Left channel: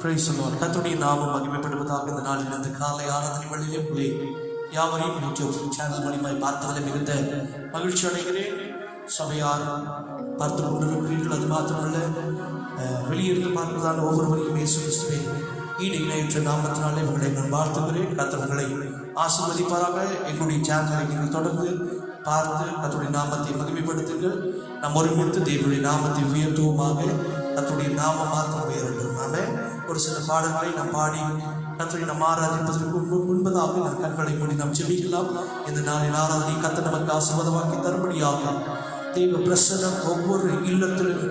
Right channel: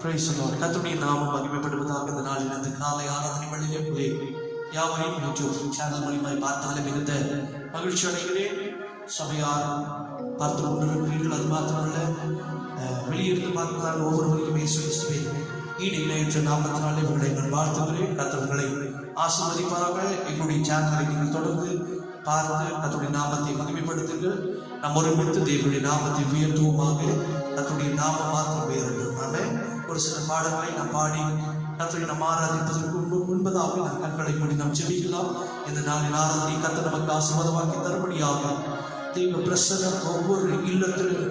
Praise the Lord. கர்த்தருடைய நாமம் மகிமைப்படுவதாக. இந்த நாளில் இந்த காலை ஆராதனை வேளையிலே உங்களை யாவரையும் யூடியூப் சேனல் மூலமாய் பார்ப்பதில் மிகுந்த மகிழ்ச்சி அடைகிறேன். சபையார் பார்த்து கொண்டிருக்கிறீர்கள். அது மாத்திரமல்ல, வெளியிருந்து பார்ப்பதால் ஒவ்வொருவரையும் இயேசு கிறிஸ்துவே ஈடு இணையற்ற நாமத்தினாலே உங்களை நான் வாழ்த்துகிறேன். கர்த்தர்களை ஆசீர்வதிப்பதாக. என்னுடைய சேனலை நீங்கள் தொடர்ந்து பார்த்து கர்த்தருடைய நாமத்தை மகிமைப்படுத்துங்கள். நாம் ஒருமித்து தேவனுடைய நாமத்தை உயர்த்துவோமாக. கர்த்தருடைய நாமம் மாத்திரம் உயரட்டும். நாம ஒரு சில பாடல்களை நாம் பாடி கர்த்தரை நாம் ஆராதிப்பதற்கு முன்பதாக நாம் கண்களை மூடி நாம் ஜெபிக்கலாம். இந்த நாளின் ஆராதனை கர்த்தர் நமக்கு ஆசீர்வாதமாக்கி தரும்படியாக தேவ பிரசன்னம் ஒவ்வொரு இல்லத்திலும்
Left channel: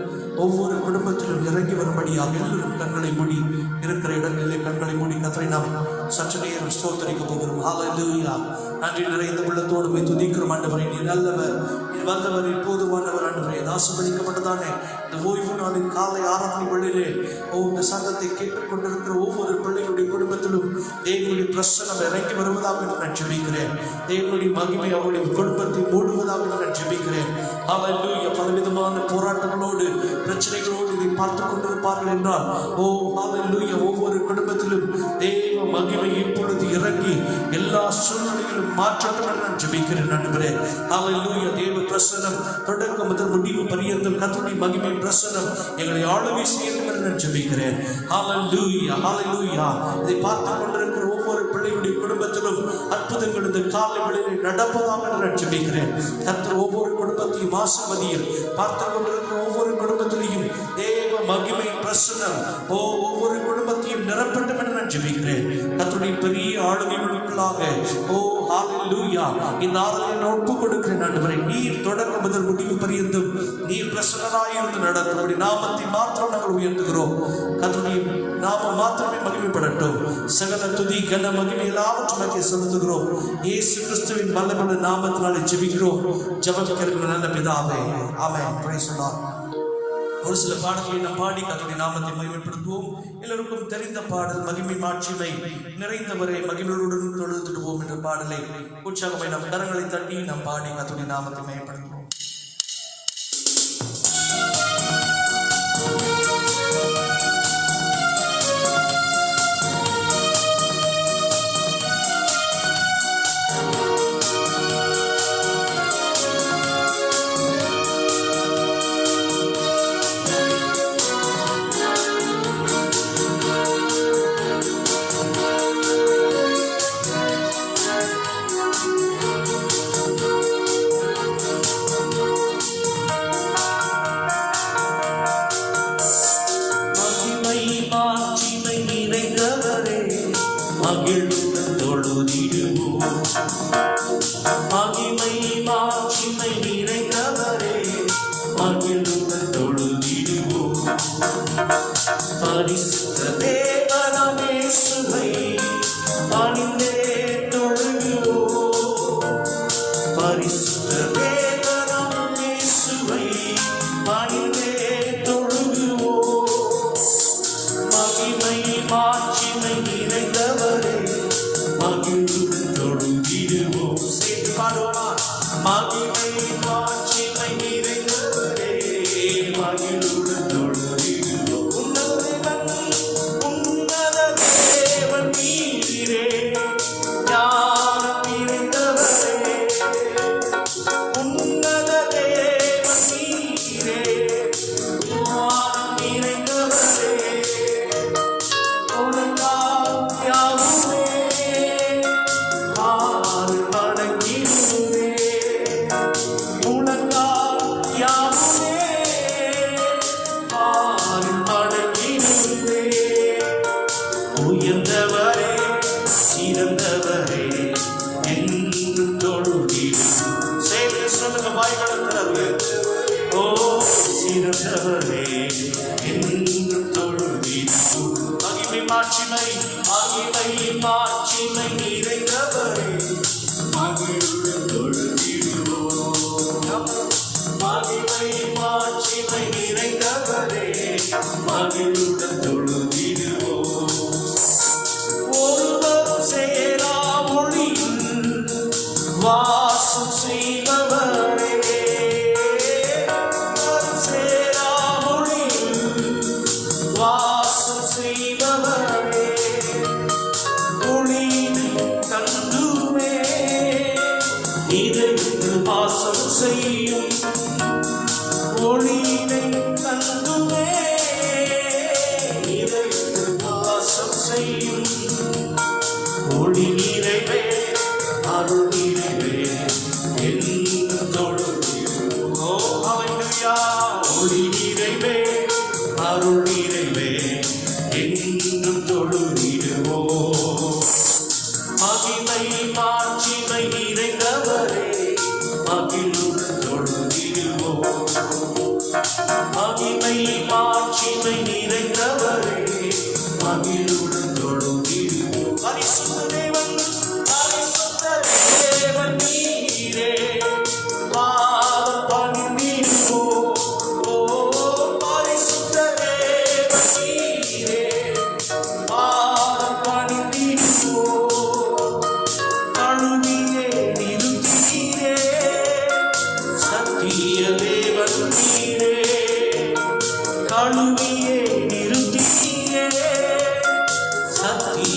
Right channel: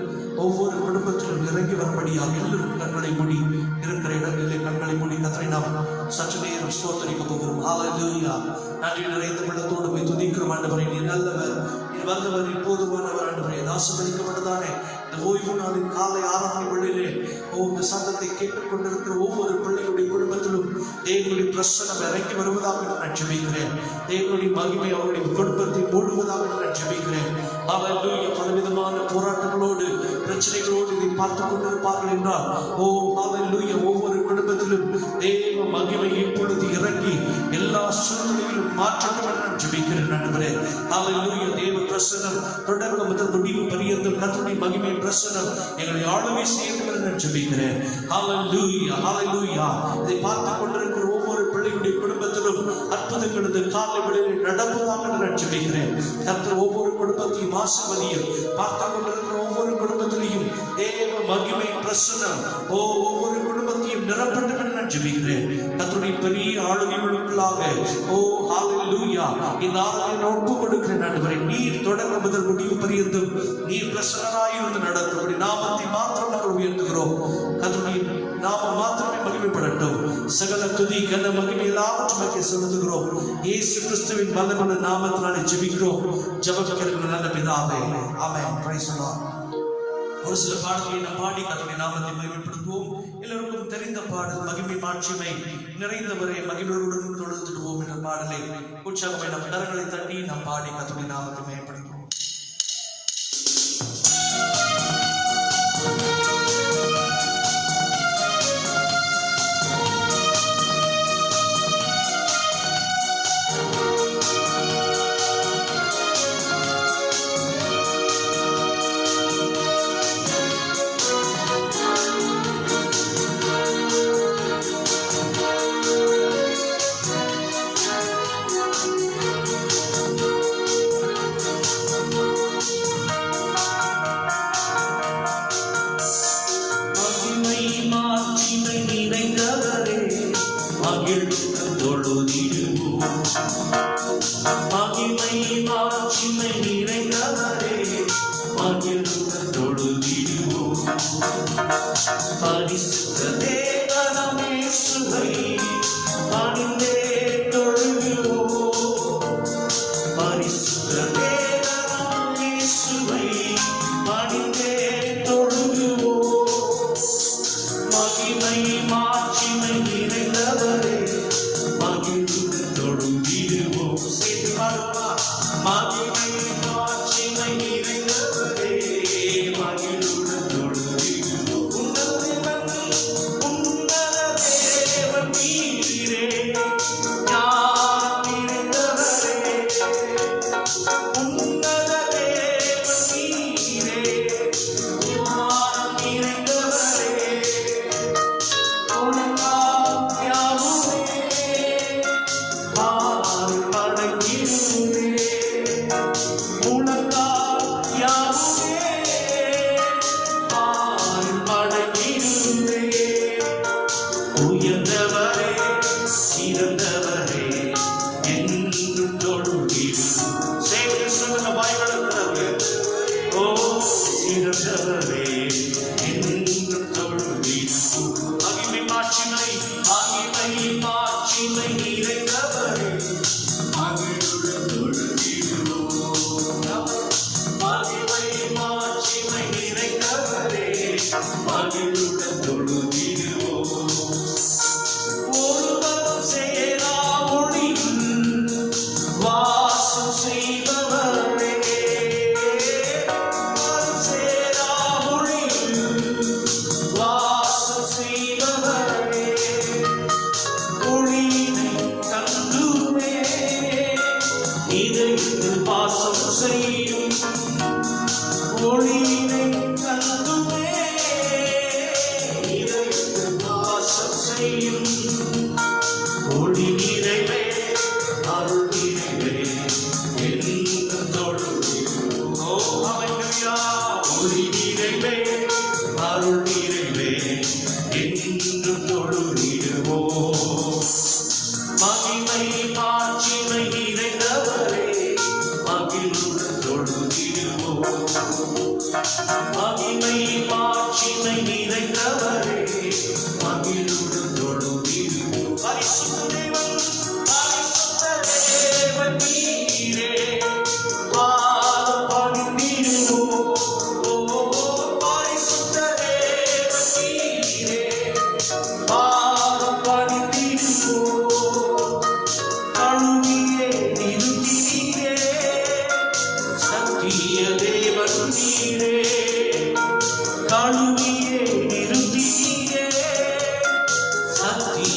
ஒவ்வொரு குடும்பத்திலும் இறங்கி வரும்படியாக எல்லோரும் கண்களை மூடி இருக்கிற இடங்களிலே கண்களை மூடி கர்த்தரை நாம் சற்று நேரம் ஸ்தோத்தரிக்க போகிறோம். ஹல்லேலூயா. நன்றி நிறைந்த உள்ளத்தோடு போய் துதிக்கிறோம். ஆண்டவரே, நீர் நல்லவர், நீர் வல்லவர், நீர் போதுமானவர். ஆண்டவரே, ஆசீர்வதிக்கப்பட்டதானே இந்த ஓய்வு நாளின் காலை ஆராதனை வேளையிலே இந்த சங்கத்தை கேட்டுக்கொண்டிருக்கிற ஒவ்வொரு பிள்ளைகளுடைய குடும்பத்திலும் தேவனுடைய பிரசன்னம் இறங்கி வருவதாக நான் ஜெபிக்கிறேன். தேவனுடைய மகிமை அவருடைய குடும்பத்தை மூடுவதாக நான் ஜெபிக்கிறேன். ஹல்லேலூயா. பலவிதமான போராட்டங்களோடு பிரச்சனைகளோடு இதை பார்த்துக் கொண்டிருப்பார்கள் என்றால் ஹல்லேலூயா, ஒவ்வொரு குடும்பத்திலும் தேவ மகிமை இப்பொழுது இறங்கி எல்லா சூழ்நிலையிலும் மாற்றங்கள் நான் ஜெபிக்கிறேன். ஆண்டவரே, ஹல்லேலூயா. தேவ பிரசன்னம் தொடக்கம் முதல் முடிவு பரியந்தம் கர்த்தருடைய மகிமை பிரசன்னம் எங்களை ஆளுகை செய்யட்டும் என்று நான் ஜெபிக்கிறேன். ஹல்லேலூயா, ஹல்லேலூயா. இதை பார்த்துக் கொண்டிருக்கிற ஒவ்வொரு பிள்ளையுடைய குடும்பத்திலும் அற்புதங்கள் இந்த காலை வேளையில் நடப்பதாக நான் ஜெபிக்கிறேன். கர்த்தர் ஒவ்வொரு குடும்பத்தையும் ஆசீர்வதியும். பார்த்துக் கொண்டிருக்கிற ஒவ்வொரு குடும்பத்திலையும் தேவ மகிமை பிரசன்னம் ஒவ்வொரு குடும்பத்தையும் நிரப்பட்டும் என்று நான் ஜெபிக்கிறேன். கர்த்தருடைய பெரிய ஆளுகைகளுக்குள்ளாக ஹல்லேலூயா இந்த ஆராதனையை ஒப்புக் கொடுக்கிறேன். ஆண்டவரே, நீர் தொடக்க முதல் முடிவு பரியந்தும் நீர் பிரசன்னராயிருந்து நடக்கும் நாமத்தை மாத்திரம் நாங்கள் உயர்த்துகிறோம். கர்த்தருடைய நாமம் மாத்திரமே மகிமைப்படட்டும். சகல துதி கன மகிமை எல்லாவற்றையும் செலுத்துகிறோம். இயேசு கிறிஸ்துவின் வல்லமையுள்ள நாமத்தினாலே ஜெபிக்கிறோம். ஜெபிக்கிறவர்கள் நல்ல பிதாவே, ஆமென். Praise the Lord. ஒரு சில பாடல்களை நாம் பாடி கர்த்தருடைய நாமத்தை மகிமைப்படுத்துவோம். எல்லோருக்கும் தெரிந்த பாடல் மகிமை மாட்சிமை நிறைந்தவரை மகிமையுடன் தொழுதுடுவோம் என்ற பாடலை உற்சாகமே நம் கரங்களை தட்டி நாம் பாடி கர்த்தருடைய நாமத்தை மகிமைப்படுத்துவோம். Thank you.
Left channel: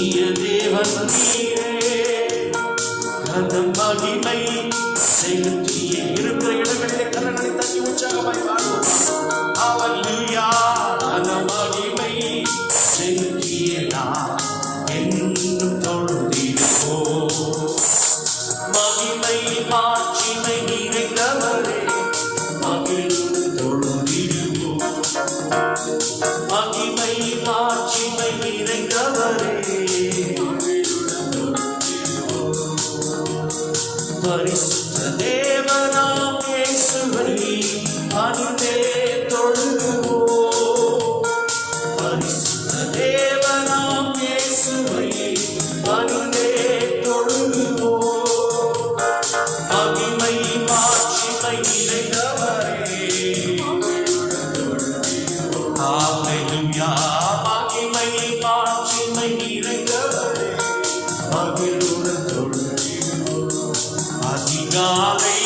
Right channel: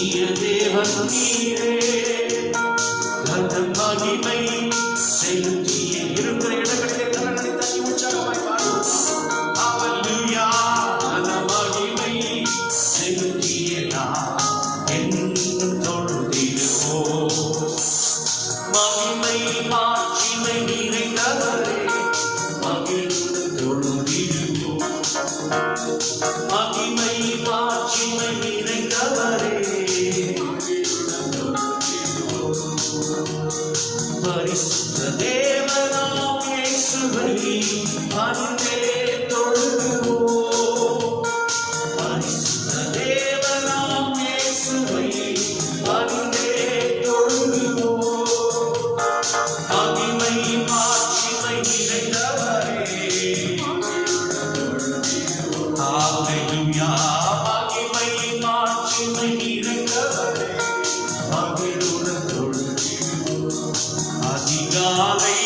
நித்திய தேவன் நீரே கனம் மகிமை செலுத்திய இருக்கிற இடங்களிலே கரங்களை தட்டி உற்சாகமாய் பாடுவோம். ஹல்லேலூயா. கனம் மகிமை செலுத்திய நான் என்றும் தொழுதிடுவோம். மகிமை மாட்சிமை நிறைந்தவரே மகிழ்ந்து தொழுதிடுவோம். மகிமை மாட்சிமை நிறைந்தவரே பரிசுத்த தேவனாம் இயேசுவை பணிந்தே தொழுதுவோம். பரிசுத்த தேவனாம் இயேசுவை பணிந்தே தொழுதுவோம். மகிமை மாட்சிமை நிறைந்தவரே ஹல்லேலூயா. மகிமை மாட்சிமை நிறைந்தவரே மகிழுடன் தொழுதிடுவோம். அதிகாலை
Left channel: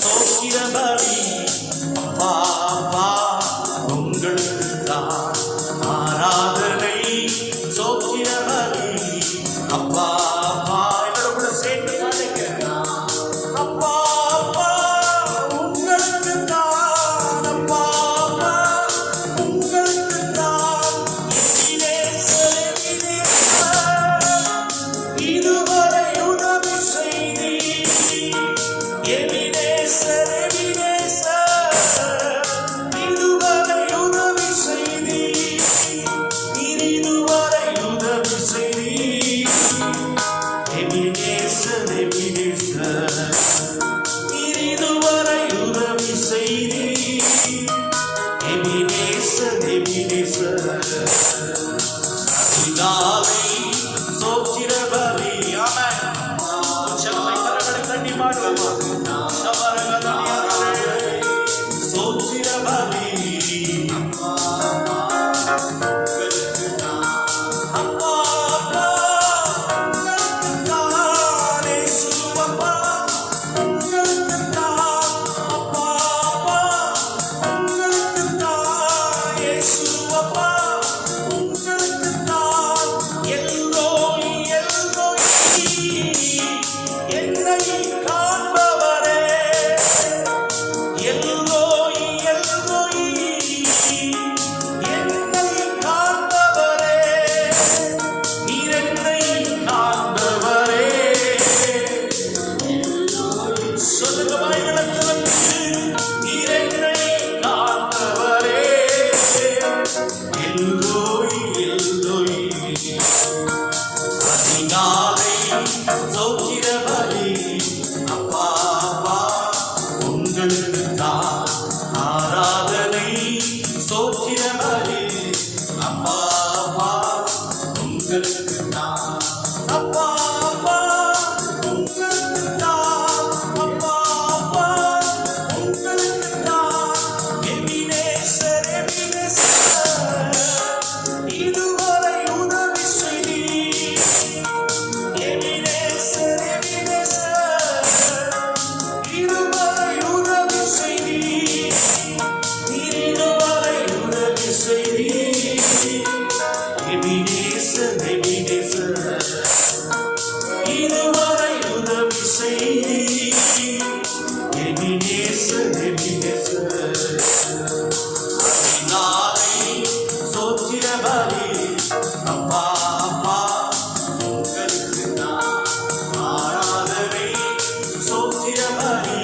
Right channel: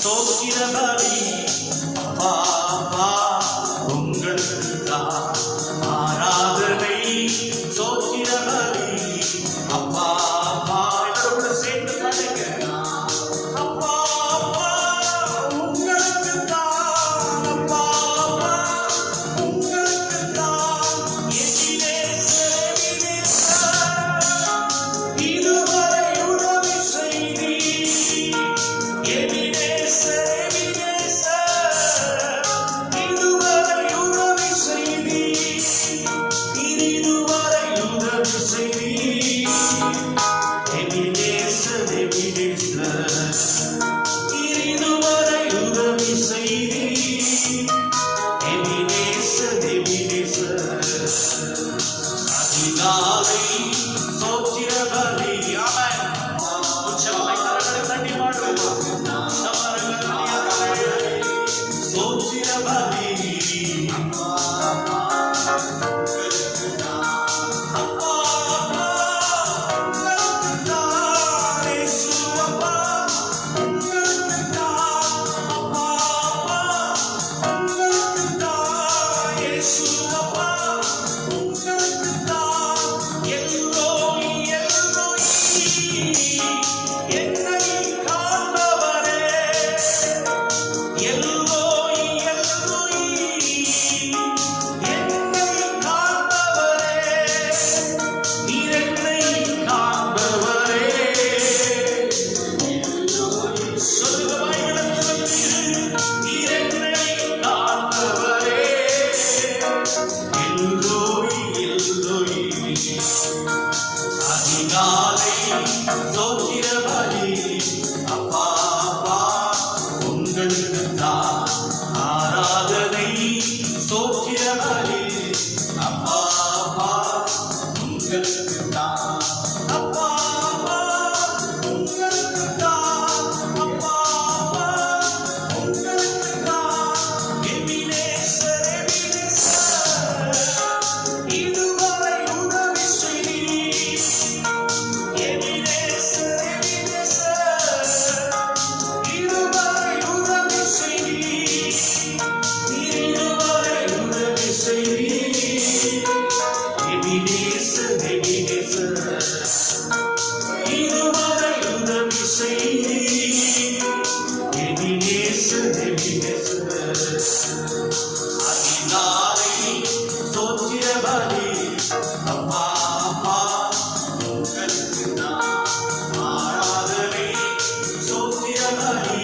சோத்திர பலி அப்பா அப்பா உங்களுக்கு தான் ஆராதனை. சோத்திர பலி அப்பா அப்பா எல்லாரோட சேர்ந்து பாடுங்க. அப்பா அப்பா உங்களுக்கு தான், அப்பா அப்பா உங்களுக்கு தான். எதிரேசரே இதுவரை உதவி செய்தீர். எதிரேசரே இதுவரை உதவி செய்தீர். இதுவரை உதவி செய்தீர். எதிரேசரே இதுவரை உதவி செய்தீர். எதிரேசரே அதிகாலை சோத்திர பலி. ஆமென். உற்சாகமாய் கரங்களை தட்டி பாடுவோம். சோத்திர பலி அப்பா அப்பா உங்களுக்கு தான் இயேசு அப்பா உங்களுக்கு தான். அப்பா அப்பா உங்களுக்கு தான் இயேசு அப்பா உங்களுக்கு தான். எல்லோய் எல்லோய் என்னை காண்பவரே. எல்லோய் எல்லோய் என்னை காண்பவரே. நீர் என்னை காண்பவரே. சொல்லுங்க வாய்களை திறந்து. நீர் என்னை காண்பவரே. எல்லோய் எல்லோய் அதிகாலை சோத்திர பலி அப்பா அப்பா உங்களுக்கு தான் ஆராதனை. சோத்திர பலி அப்பா அப்பா உங்களுக்கு தான். அப்பா அப்பா உங்களுக்கு தான். அப்பா அப்பா உங்களுக்கு தான். எபினேசர் எபினேசர் இதுவரை உதவி செய்தீர். எபினேசர் எபினேசர் இதுவரை உதவி செய்தீர். இதுவரை உதவி செய்தீர். எபினேசர் எபினேசர் இதுவரை உதவி செய்தீர். எபினேசர் எபினேசர் அதிகாலை சோத்திர பலி அப்பா அப்பா உங்களுக்கு தான் ஆராதனை. சோத்திர பலி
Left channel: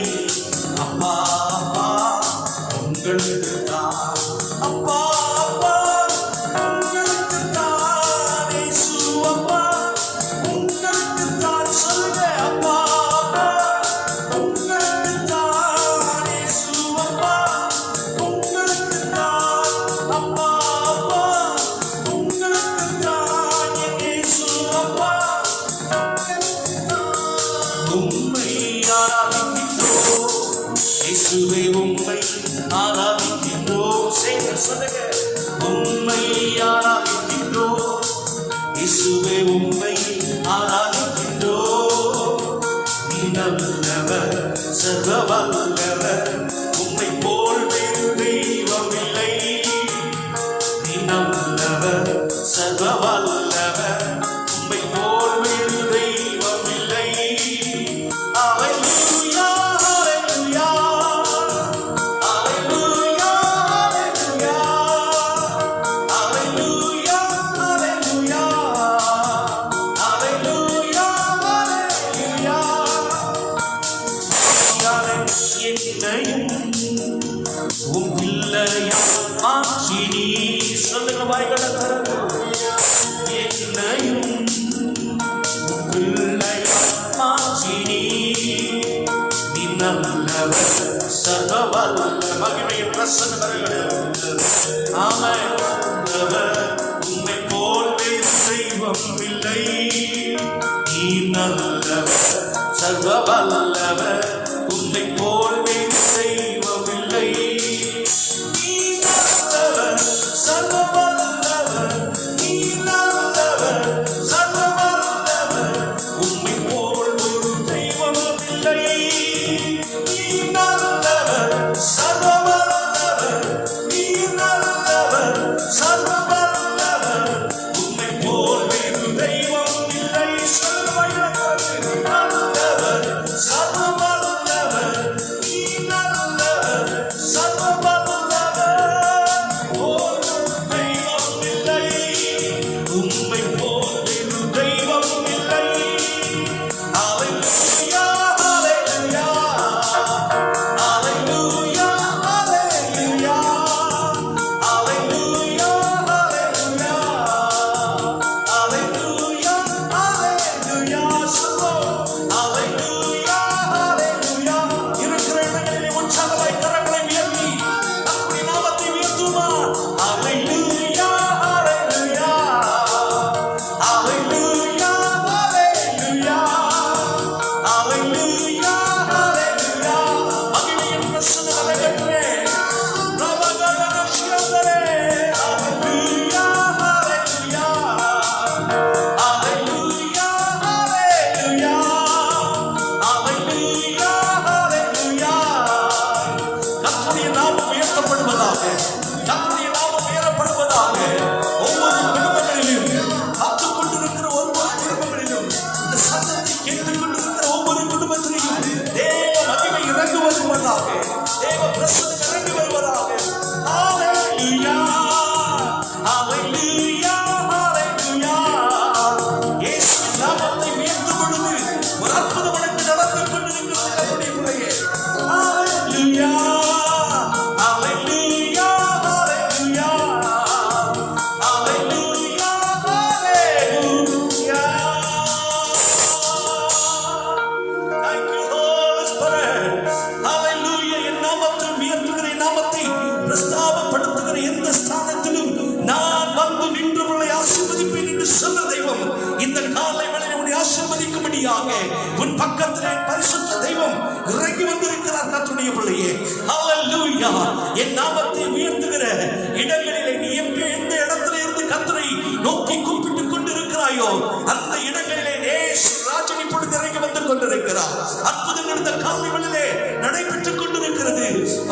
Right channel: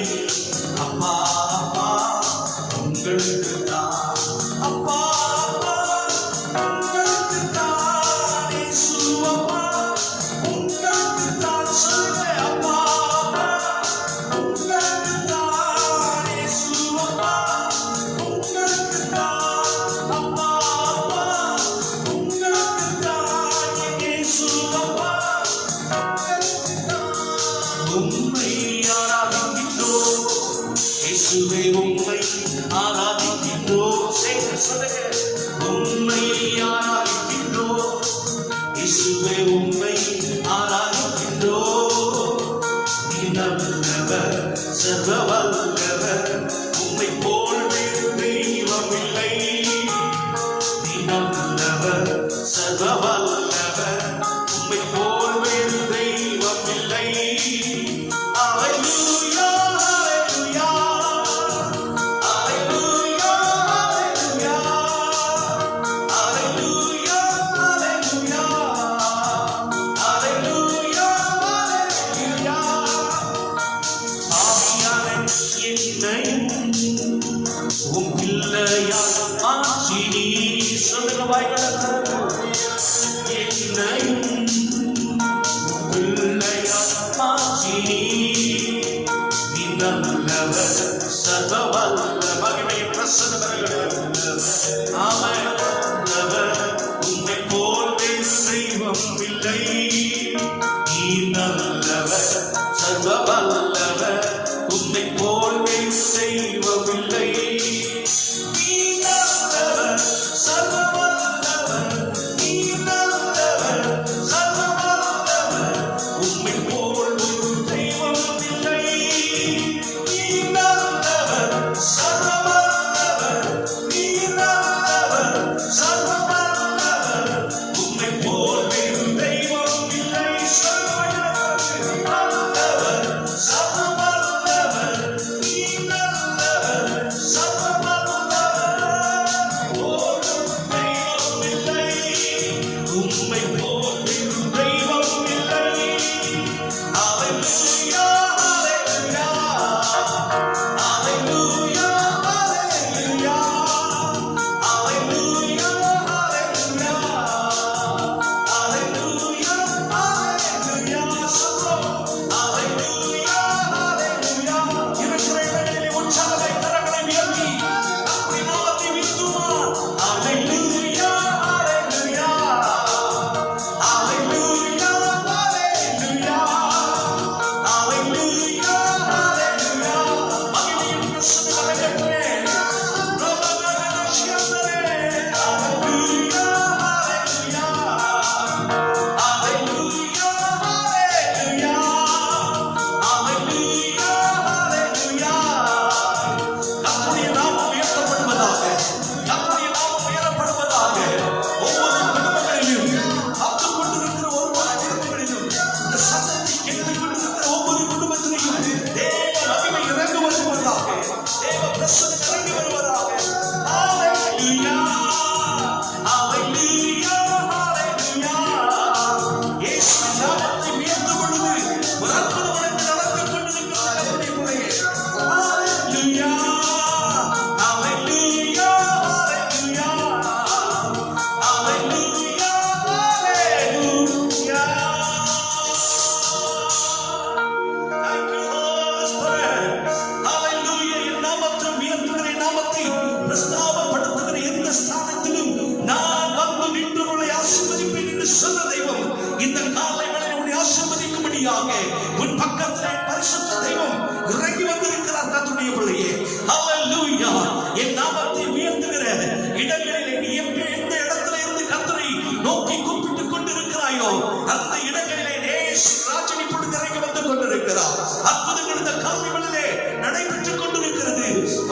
அப்பா அப்பா உங்களுக்கு தான். அப்பா அப்பா உங்களுக்கு தான் இயேசு அப்பா உங்களுக்கு தான். சொல்லுங்க அப்பா அப்பா உங்களுக்கு தான் இயேசு அப்பா உங்களுக்கு தான். அப்பா அப்பா உங்களுக்கு தான் இயேசு அப்பா உங்களுக்கு தான். உம்மை ஆராதிக்கின்றோம் இயேசுவே உம்மை ஆராதிக்கின்றோம். சொல்லுங்க உம்மை ஆராதிக்கின்றோம் இயேசுவே உம்மை ஆராதிக்கின்றோம். நீ நல்லவர் சர்வ வல்லவர் உம்மை போல் வேறு தெய்வம் இல்லை. நீ நல்லவர் சர்வ வல்லவர் உம்மை போற்றிடும் தெய்வம் இல்லை. ஹல்லேலூயா, ஹல்லேலூயா, ஹல்லேலூயா, ஹல்லேலூயா, ஹல்லேலூயா, ஹல்லேலூயா, ஹல்லேலூயா, சொல்லுவோம். ஹல்லேலூயா, ஹல்லேலூயா. இருக்கிற இடங்களிலே உற்சாகத்தை கரங்களை உயர்த்தி நம்முடைய நாமத்தை உயர்த்துவோம். ஹல்லேலூயா, ஹல்லேலூயா, ஹல்லேலூயா, ஹல்லேலூயா, ஹல்லேலூயா, ஹல்லேலூயா. மகிமையின் பிரசன்னத்தை கேட்கிறேன். பிரபலமான சியாசரே. ஹல்லேலூயா, ஹல்லேலூயா, ஹல்லேலூயா, ஹல்லேலூயா, ஹல்லேலூயா, ஹல்லேலூயா. கர்த்தருடைய நாமம் உயர்த்தப்படுவதாக. கர்த்தருடைய நாமம் உயரப்படுவதாக. ஒவ்வொரு குடும்பங்களிலும் காத்துக் கொண்டிருக்கிற ஒவ்வொரு குடும்பங்களிலும் இந்த சத்தத்தை கேட்டுக் கொண்டிருக்கிற ஒவ்வொரு குடும்பத்திலையும் தேவ மகிமை இறங்கி வருவதாக. தேவ பிரசன்னம் இறங்கி வருவதாக. ஹல்லேலூயா, ஹல்லேலூயா, ஹல்லேலூயா. இயேசுவின் நாமத்தை உயர்த்தும் பொழுது ஒரு அற்புதம் உனக்கு நடந்து கொண்டிருக்கிறது கர்த்தருடைய பிள்ளையே. ஹல்லேலூயா, ஹல்லேலூயா, ஹல்லேலூயா, ஹல்லேலூயா, ஹல்லேலூயா. Thank you, Holy Spirit. Hallelujah. என் நாமத்தை உயர்த்துகிற, என் நாமத்தை பிரஸ்தாபப்படுத்துகிற எந்த ஸ்தானத்திலும் நான் வந்து நின்றவர்களை ஆசீர்வதிப்பேன் என்று சொன்ன தெய்வம் இந்த காலை வேளையிலே உன்னை ஆசீர்வதிக்கும்படியாக உன் பக்கத்திலே பரிசுத்த தெய்வம் இறங்கி வந்திருக்கிறார் கர்த்தருடைய பிள்ளையே. ஹல்லேலூயா. என் நாமத்தை உயர்த்துகிற இடங்களிலே நீ எந்த இடத்துல இருந்து கர்த்தரை நோக்கி கூப்பிட்டுக் கொண்டிருக்கிறாயோ அந்த இடங்களிலே நேசு ராஜன் இப்பொழுது இறங்கி வந்து கொண்டிருக்கிறார். அற்புதங்கள் இந்த காலைகளிலே நடைபெற்றுக் கொண்டிருக்கிறது.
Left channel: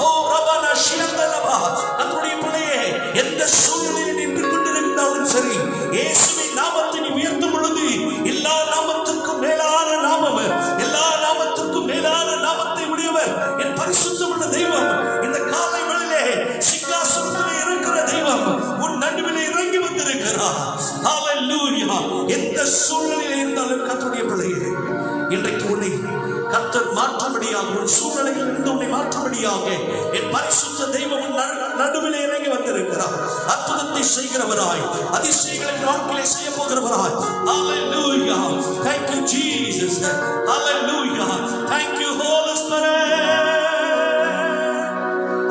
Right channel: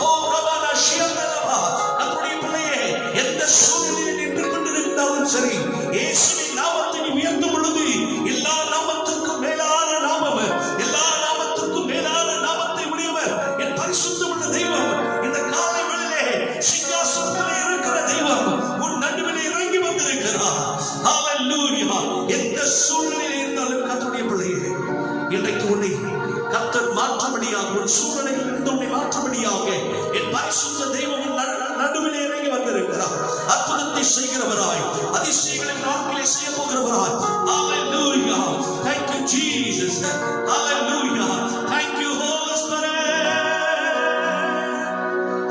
ஓ ரபனா ஷிரந்தலவா. கர்த்தருடைய பிள்ளையே, எந்த சூழ்நிலையில் நின்று கொண்டிருந்தாலும் சரி, இயேசுவின் நாமத்தை நீ உயர்த்தும் பொழுது எல்லா நாமத்துக்கும் மேலான நாமம், எல்லா நாமத்துக்கும் மேலான நாமத்தை உடையவர் என் பரிசுத்தமுள்ள தெய்வம் இந்த காலை வேளையிலே சிங்காசனத்திலே இருக்கிற தெய்வம் உன் நடுவிலே இறங்கி வந்திருக்கிறார். ஹல்லேலூயா. எந்த சூழ்நிலையில் இருந்தாலும் கர்த்தருடைய பிள்ளையே, இன்றைக்கு உன்னை கர்த்தர் மாற்றும்படியாக, உன் சூழ்நிலையில் இருந்து உன்னை மாற்றும்படியாக என் பரிசுத்த தெய்வம் உன் நடுவிலே இறங்கி வந்திருக்கிறார். அற்புதத்தை செய்கிறவராய், அதிசயங்களை வாழ்க்கையிலே செய்ய போகிறவராய். ஹல்லேலூயா. Thank you, Jesus. Hallelujah. Thank you, Holy Spirit.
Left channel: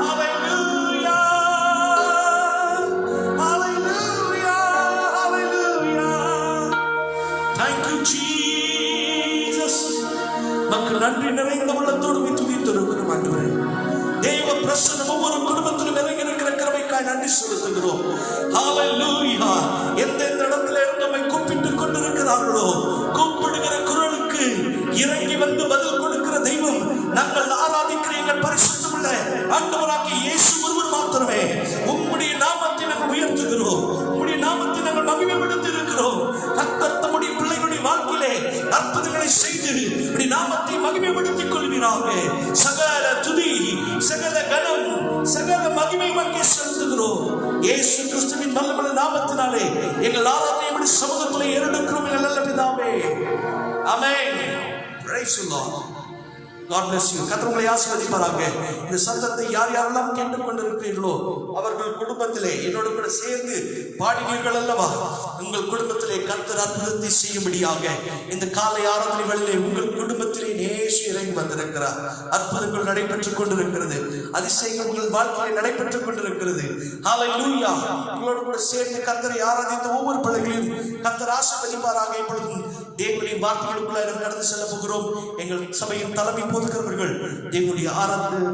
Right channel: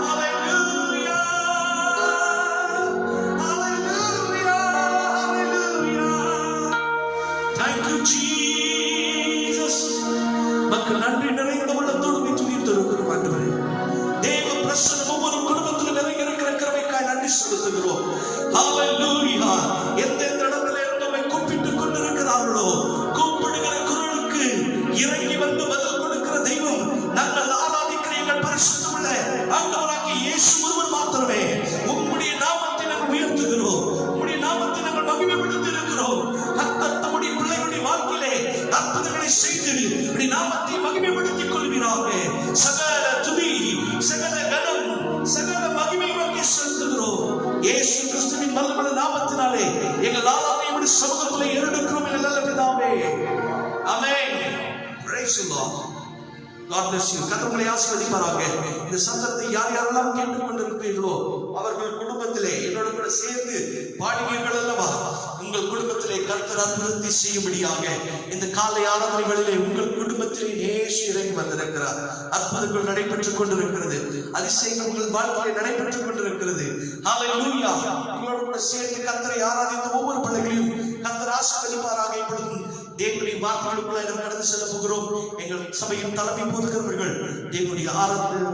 Hallelujah. Hallelujah. Hallelujah. Thank you, Jesus. மக்கள் நன்றி நிறைந்த உள்ளத்தோடு துதித்திருக்கிறோம் ஆண்டவரே. தேவ பிரசன்னம் ஒவ்வொரு குடும்பத்திலும் நிறைய இருக்கிற கிருபைக்காய் நன்றி செலுத்துகிறோம். ஹல்லேலூயா. எந்தெந்த இடத்துல இருந்தவை கூப்பிட்டுக் கொண்டிருக்கிறார்களோ கூப்பிடுகிற குரலுக்கு இறங்கி வந்து பதில் கொடுக்கிற தெய்வம் நாங்கள் ஆராதிக்கிற எங்கள் பரிசுத்தமுள்ள ஆண்டவராகிய இயேசு ஒருவர் மாத்திரமே. உம்முடைய நாமத்தை நாங்கள் உயர்த்துகிறோம். உம்முடைய நாமத்தை நாங்கள் மகிமைப்படுத்தி இருக்கிறோம். கர்த்தர் தம்முடைய பிள்ளைகளுடைய வாழ்க்கையிலே அற்புதங்களை செய்து உம்முடைய நாமத்தை மகிமைப்படுத்திக் கொள்வீராக. சகல துதி, சகல கனம், சகல மகிமை உமக்கே செலுத்துகிறோம். இயேசு கிறிஸ்துவின் நல்ல நாமத்தினாலே எங்கள் ஆராதனை உம்முடைய சமூகத்திலே ஏறெடுக்கிறோம் எங்கள் நல்ல பிதாவே. ஆமென். Praise the Lord. God bless you. கர்த்தர் உங்களை ஆசீர்வதிப்பாராக. இந்த சத்தத்தை யார் யாரெல்லாம் கேட்டுக்கொண்டிருக்கிறீர்களோ அவர்கள் குடும்பத்திலே என்னோடு கூட சேர்ந்து பாடினீர்கள் அல்லவா? உங்கள் குடும்பத்திலே கர்த்தர் அற்புதத்தை செய்யும்படியாக இந்த காலை ஆராதனை வேளையிலே உங்கள் குடும்பத்திலே நேசு இறங்கி வந்திருக்கிறார். அற்புதங்கள் நடைபெற்றுக் கொண்டிருக்கிறது. அதிசயங்கள் உங்கள் வாழ்க்கையிலே நடைபெற்றுக் கொண்டிருக்கிறது. ஹல்லேலூயா. உங்களோடு கூட சேர்ந்து கர்த்தரை ஆராதித்த ஒவ்வொரு பிள்ளைகளையும் கர்த்தர் ஆசீர்வதிப்பாராக. இப்பொழுதும் தேவனுடைய வார்த்தைகளுக்குள்ள கடந்து செல்ல போகிறோம். எங்கள் சபையின் தலைமை போகிறவர்கள் தேவனுடைய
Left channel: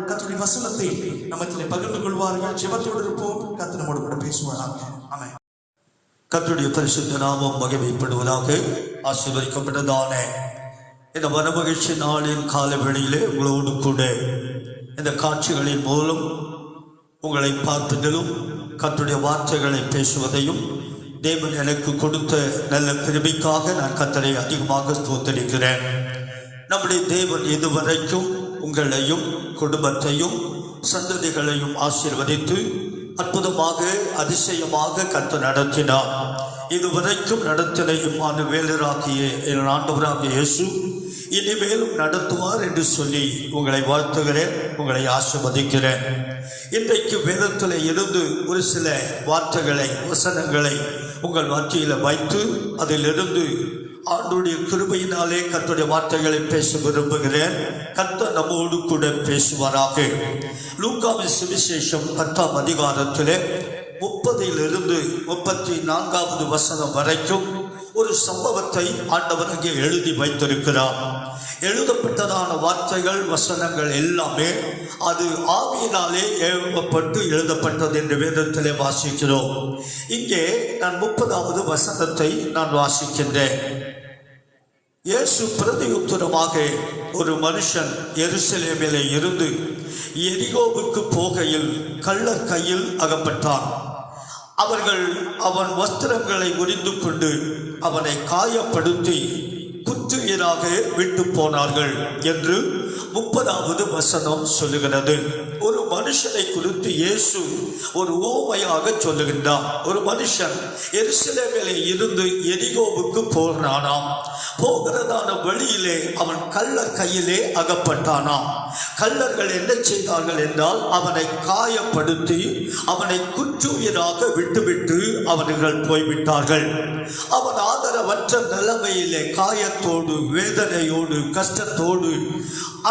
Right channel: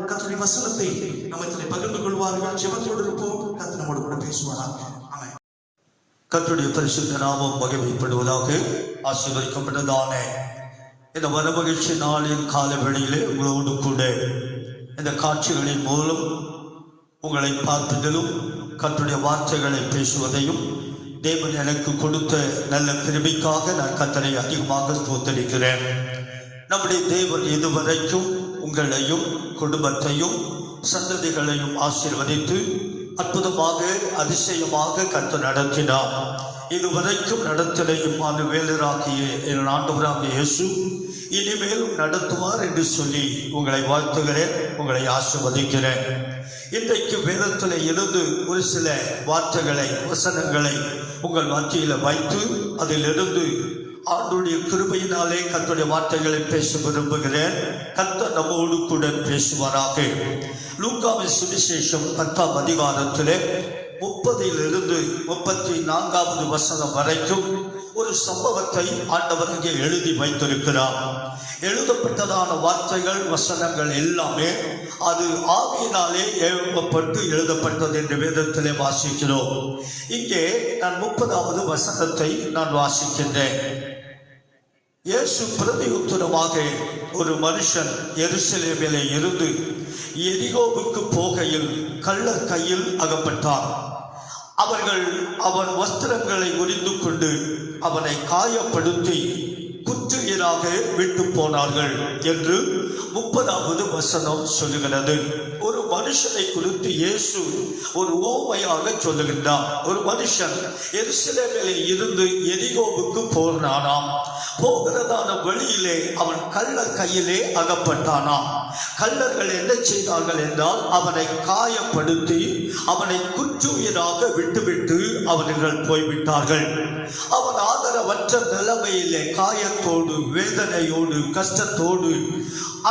கர்த்தருடைய வசனத்தை நம்மத்திலே பகிர்ந்து கொள்வார்கள். ஜெபத்தோடு இருப்போம். கர்த்தர் நம்மோடு கூட பேசுவாராக. ஆமென். கர்த்தருடைய பரிசுத்த நாமம் மகிமைப்படுவதாக. ஆசீர்வதிக்கப்பட்டதான இந்த மனமகிழ்ச்சி நாளின் கால வேளையிலே உங்களோடு கூட இந்த காட்சிகளின் மூலம் உங்களை பார்ப்பதிலும் கர்த்தருடைய வார்த்தைகளை பேசுவதையும் தேவன் எனக்கு கொடுத்த நல்ல கிருபைக்காக நான் கர்த்தரை அதிகமாக ஸ்தோத்திரிக்கிறேன். நம்முடைய தேவன் இதுவரைக்கும் உங்களையும் குடும்பத்தையும் சந்ததிகளையும் ஆசீர்வதித்து அற்புதமாக அதிசயமாக கர்த்தர் நடத்தினார். இதுவரைக்கும் நடத்தின இம்மானுவேலராகிய என் ஆண்டவராகிய இயேசு இனிமேலும் நடத்துவார் என்று சொல்லி உங்களை வாழ்த்துகிறேன், உங்களை ஆசீர்வதிக்கிறேன். இன்றைக்கு வேதத்தில் இருந்து ஒரு சில வார்த்தைகளை, வசனங்களை உங்கள் மத்தியில் வைத்து அதிலிருந்து ஆண்டுடைய கிருபையினாலே கர்த்தருடைய வார்த்தைகளை பேச விரும்புகிறேன். கர்த்தர் நம்மோடு கூட பேசுவாராக. லூக்காவின் சுவிசேஷம் 10ஆம் அதிகாரத்திலே 30 34 வசனம் வரைக்கும் ஒரு சம்பவத்தை ஆண்டவர் அங்கே எழுதி வைத்திருக்கிறார். எழுதப்பட்டதான வார்த்தைகள், வசனங்கள் எல்லாமே அது ஆவியினாலே எழுதப்பட்டு எழுதப்பட்டது என்று வேதத்திலே வாசிக்கிறோம். இங்கே நான் 30வது வசனத்தை நான் வாசிக்கின்றேன். இயேசு பிரதியுத்தரமாக, ஒரு மனுஷன் எருசலேமிலே இருந்து எரிகோவுக்கு போகையில் கள்ளர் கையில் அகப்பட்டான். அவர்கள் அவன் வஸ்திரங்களை உரிந்து கொண்டு அவனை காயப்படுத்தி குற்றுயிராக விட்டு போனார்கள் என்று 30வது வசனம் சொல்லுகிறது. ஒரு மனுஷனை குறித்து இயேசு ஒரு ஓமையாக சொல்லுகின்றார். ஒரு மனுஷன் எருசலேமிலே இருந்து எரிகோவுக்கு போனானாம். போகிறதான வழியிலே அவன் கள்ளர் கையிலே அகப்பட்டானாம். கள்ளர்கள் என்ன செய்தார்கள் என்றால் அவனை காயப்படுத்தி அவனை குற்றுயிராக விட்டுவிட்டு அவர்கள் போய்விட்டார்கள். அவன் ஆதரவற்ற நிலைமையிலே காயத்தோடு, வேதனையோடு, கஷ்டத்தோடு,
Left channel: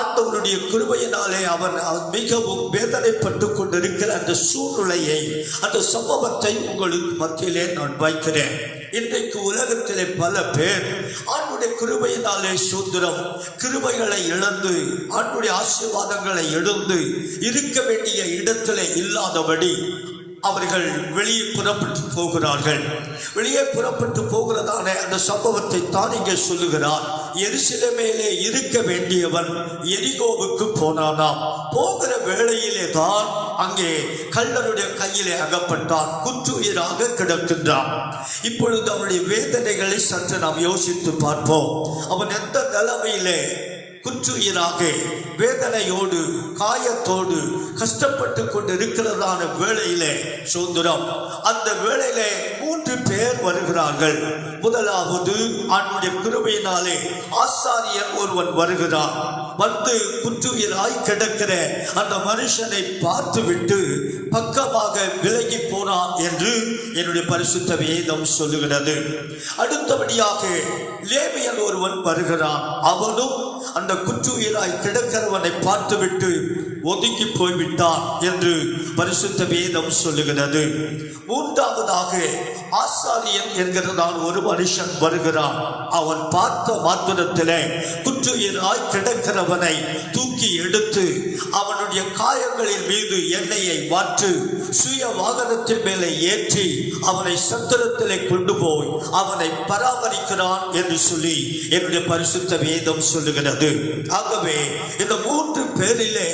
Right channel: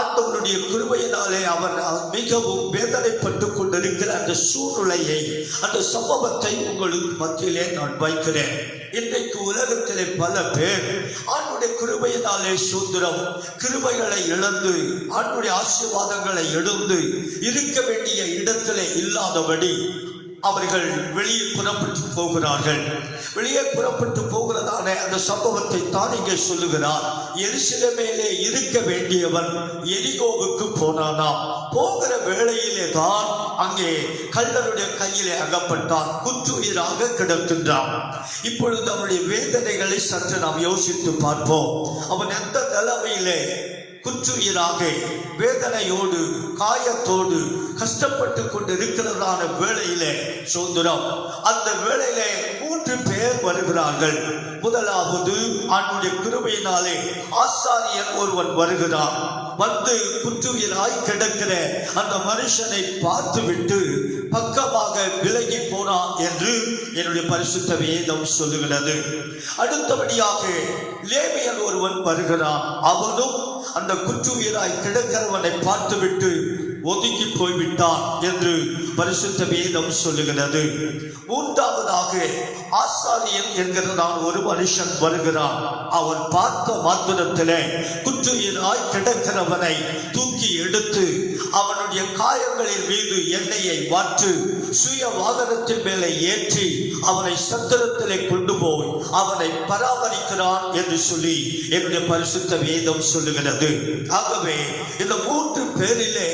ஆண்டவருடைய கிருபையினாலே அவன் மிகவும் வேதனைப்பட்டு கொண்டிருக்கிற அந்த சூழ்நிலையை, அந்த சம்பவத்தை உங்களுக்கு மத்தியிலே நான் வைக்கிறேன். இன்றைக்கு உலகத்திலே பல பேர் ஆண்டுடைய கிருபையினாலே சுதந்திரம், கிருபைகளை இழந்து, ஆண்டுடைய ஆசீர்வாதங்களை எடுத்து இருக்க வேண்டிய இடத்திலே இல்லாதபடி அவர்கள் வெளியே புறப்பட்டு போகிறார்கள். வெளியே புறப்பட்டு போகிறதான அந்த சம்பவத்தை தான் இங்கே சொல்லுகிறார். எருசலேமிலே இருக்க வேண்டியவன் எரிகோவுக்கு போனானாம். போகிற வேளையிலே தான் அங்கே கள்ளருடைய கையிலே அகப்பட்டான், குற்றுயிராக கிடக்கின்றான். இப்பொழுது அவனுடைய வேதனைகளை சற்று நாம் யோசித்து பார்ப்போம். அவன் எந்த நிலைமையிலே குற்றுயிராக, வேதனையோடு, காயத்தோடு கஷ்டப்பட்டு கொண்டு இருக்கிறதான வேளையிலே சுதந்திரம், அந்த வேளையிலே 3 பேர் வருகிறார்கள். முதலாவது ஆண்டுடைய கிருபையினாலே ஆசாரியன் ஒருவன் வருகிறான். வந்து குற்றுயிராய் கிடக்கிற அந்த மனுஷனை பார்த்துவிட்டு பக்கமாக விலகி போனான் என்று என்னுடைய பரிசுத்த வேதம் சொல்லுகிறது. அடுத்தபடியாக லேவியன் ஒருவன் வருகிறான். அவனும் அந்த குற்றுயிராய் கிடக்கிறவனை பார்த்துவிட்டு ஒதுங்கி போய்விட்டான் என்று பரிசுத்த வேதம் சொல்லுகிறது. மூன்றாவதாக ஆசாரியன் என்கிறதான் ஒரு மனுஷன் வருகிறான். அவன் பார்த்த மாத்திரத்திலே குற்றுயிராய் கிடக்கிறவனை தூக்கி எடுத்து அவனுடைய காயங்களின் மீது எண்ணெயை வாற்று சுய வாகனத்தின் மேலே ஏற்றி அவனை சத்திரத்திலே கொண்டு போய் அவனை பராமரிக்கிறான் என்று சொல்லி என்னுடைய பரிசுத்த வேதம் சொல்லுகிறது. ஆகவே இந்த 3 பேரிலே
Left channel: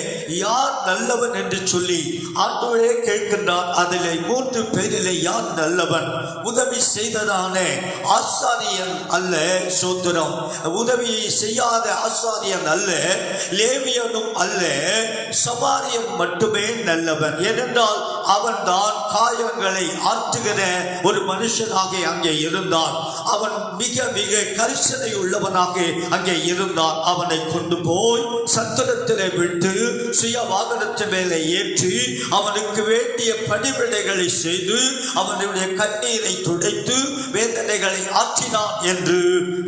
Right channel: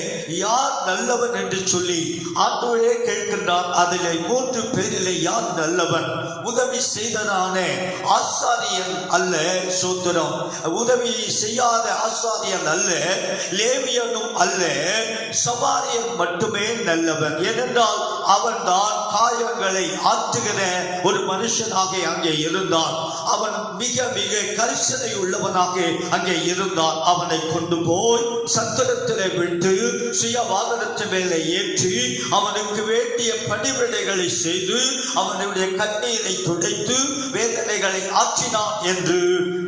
யார் நல்லவன் என்று சொல்லி ஆண்டவரே கேட்கின்றான். அதிலே 3 பேரிலே யார் நல்லவன்? உதவி செய்ததான ஆசாரியன் அல்ல, சோதரம் உதவி செய்யாத ஆசாரியன் அல்ல, லேவியனும் அல்ல, சமாரியன் மட்டுமே நல்லவன். ஏனென்றால் அவன் தான் காயங்களை ஆற்றுகிற ஒரு மனுஷனாக அங்கே இருந்தான். அவன் மிக மிக கரிசனை உள்ளவனாக அங்கே இருந்தான். அவனை கொண்டு போய் சத்திரத்திலே விட்டு சுய வாகனத்தின் மேலே ஏற்றி அவனுக்கு வேண்டிய பணிவிடைகளை செய்து அவனுடைய கண்ணீரை துடைத்து வேதனைகளை ஆற்றினான் என்று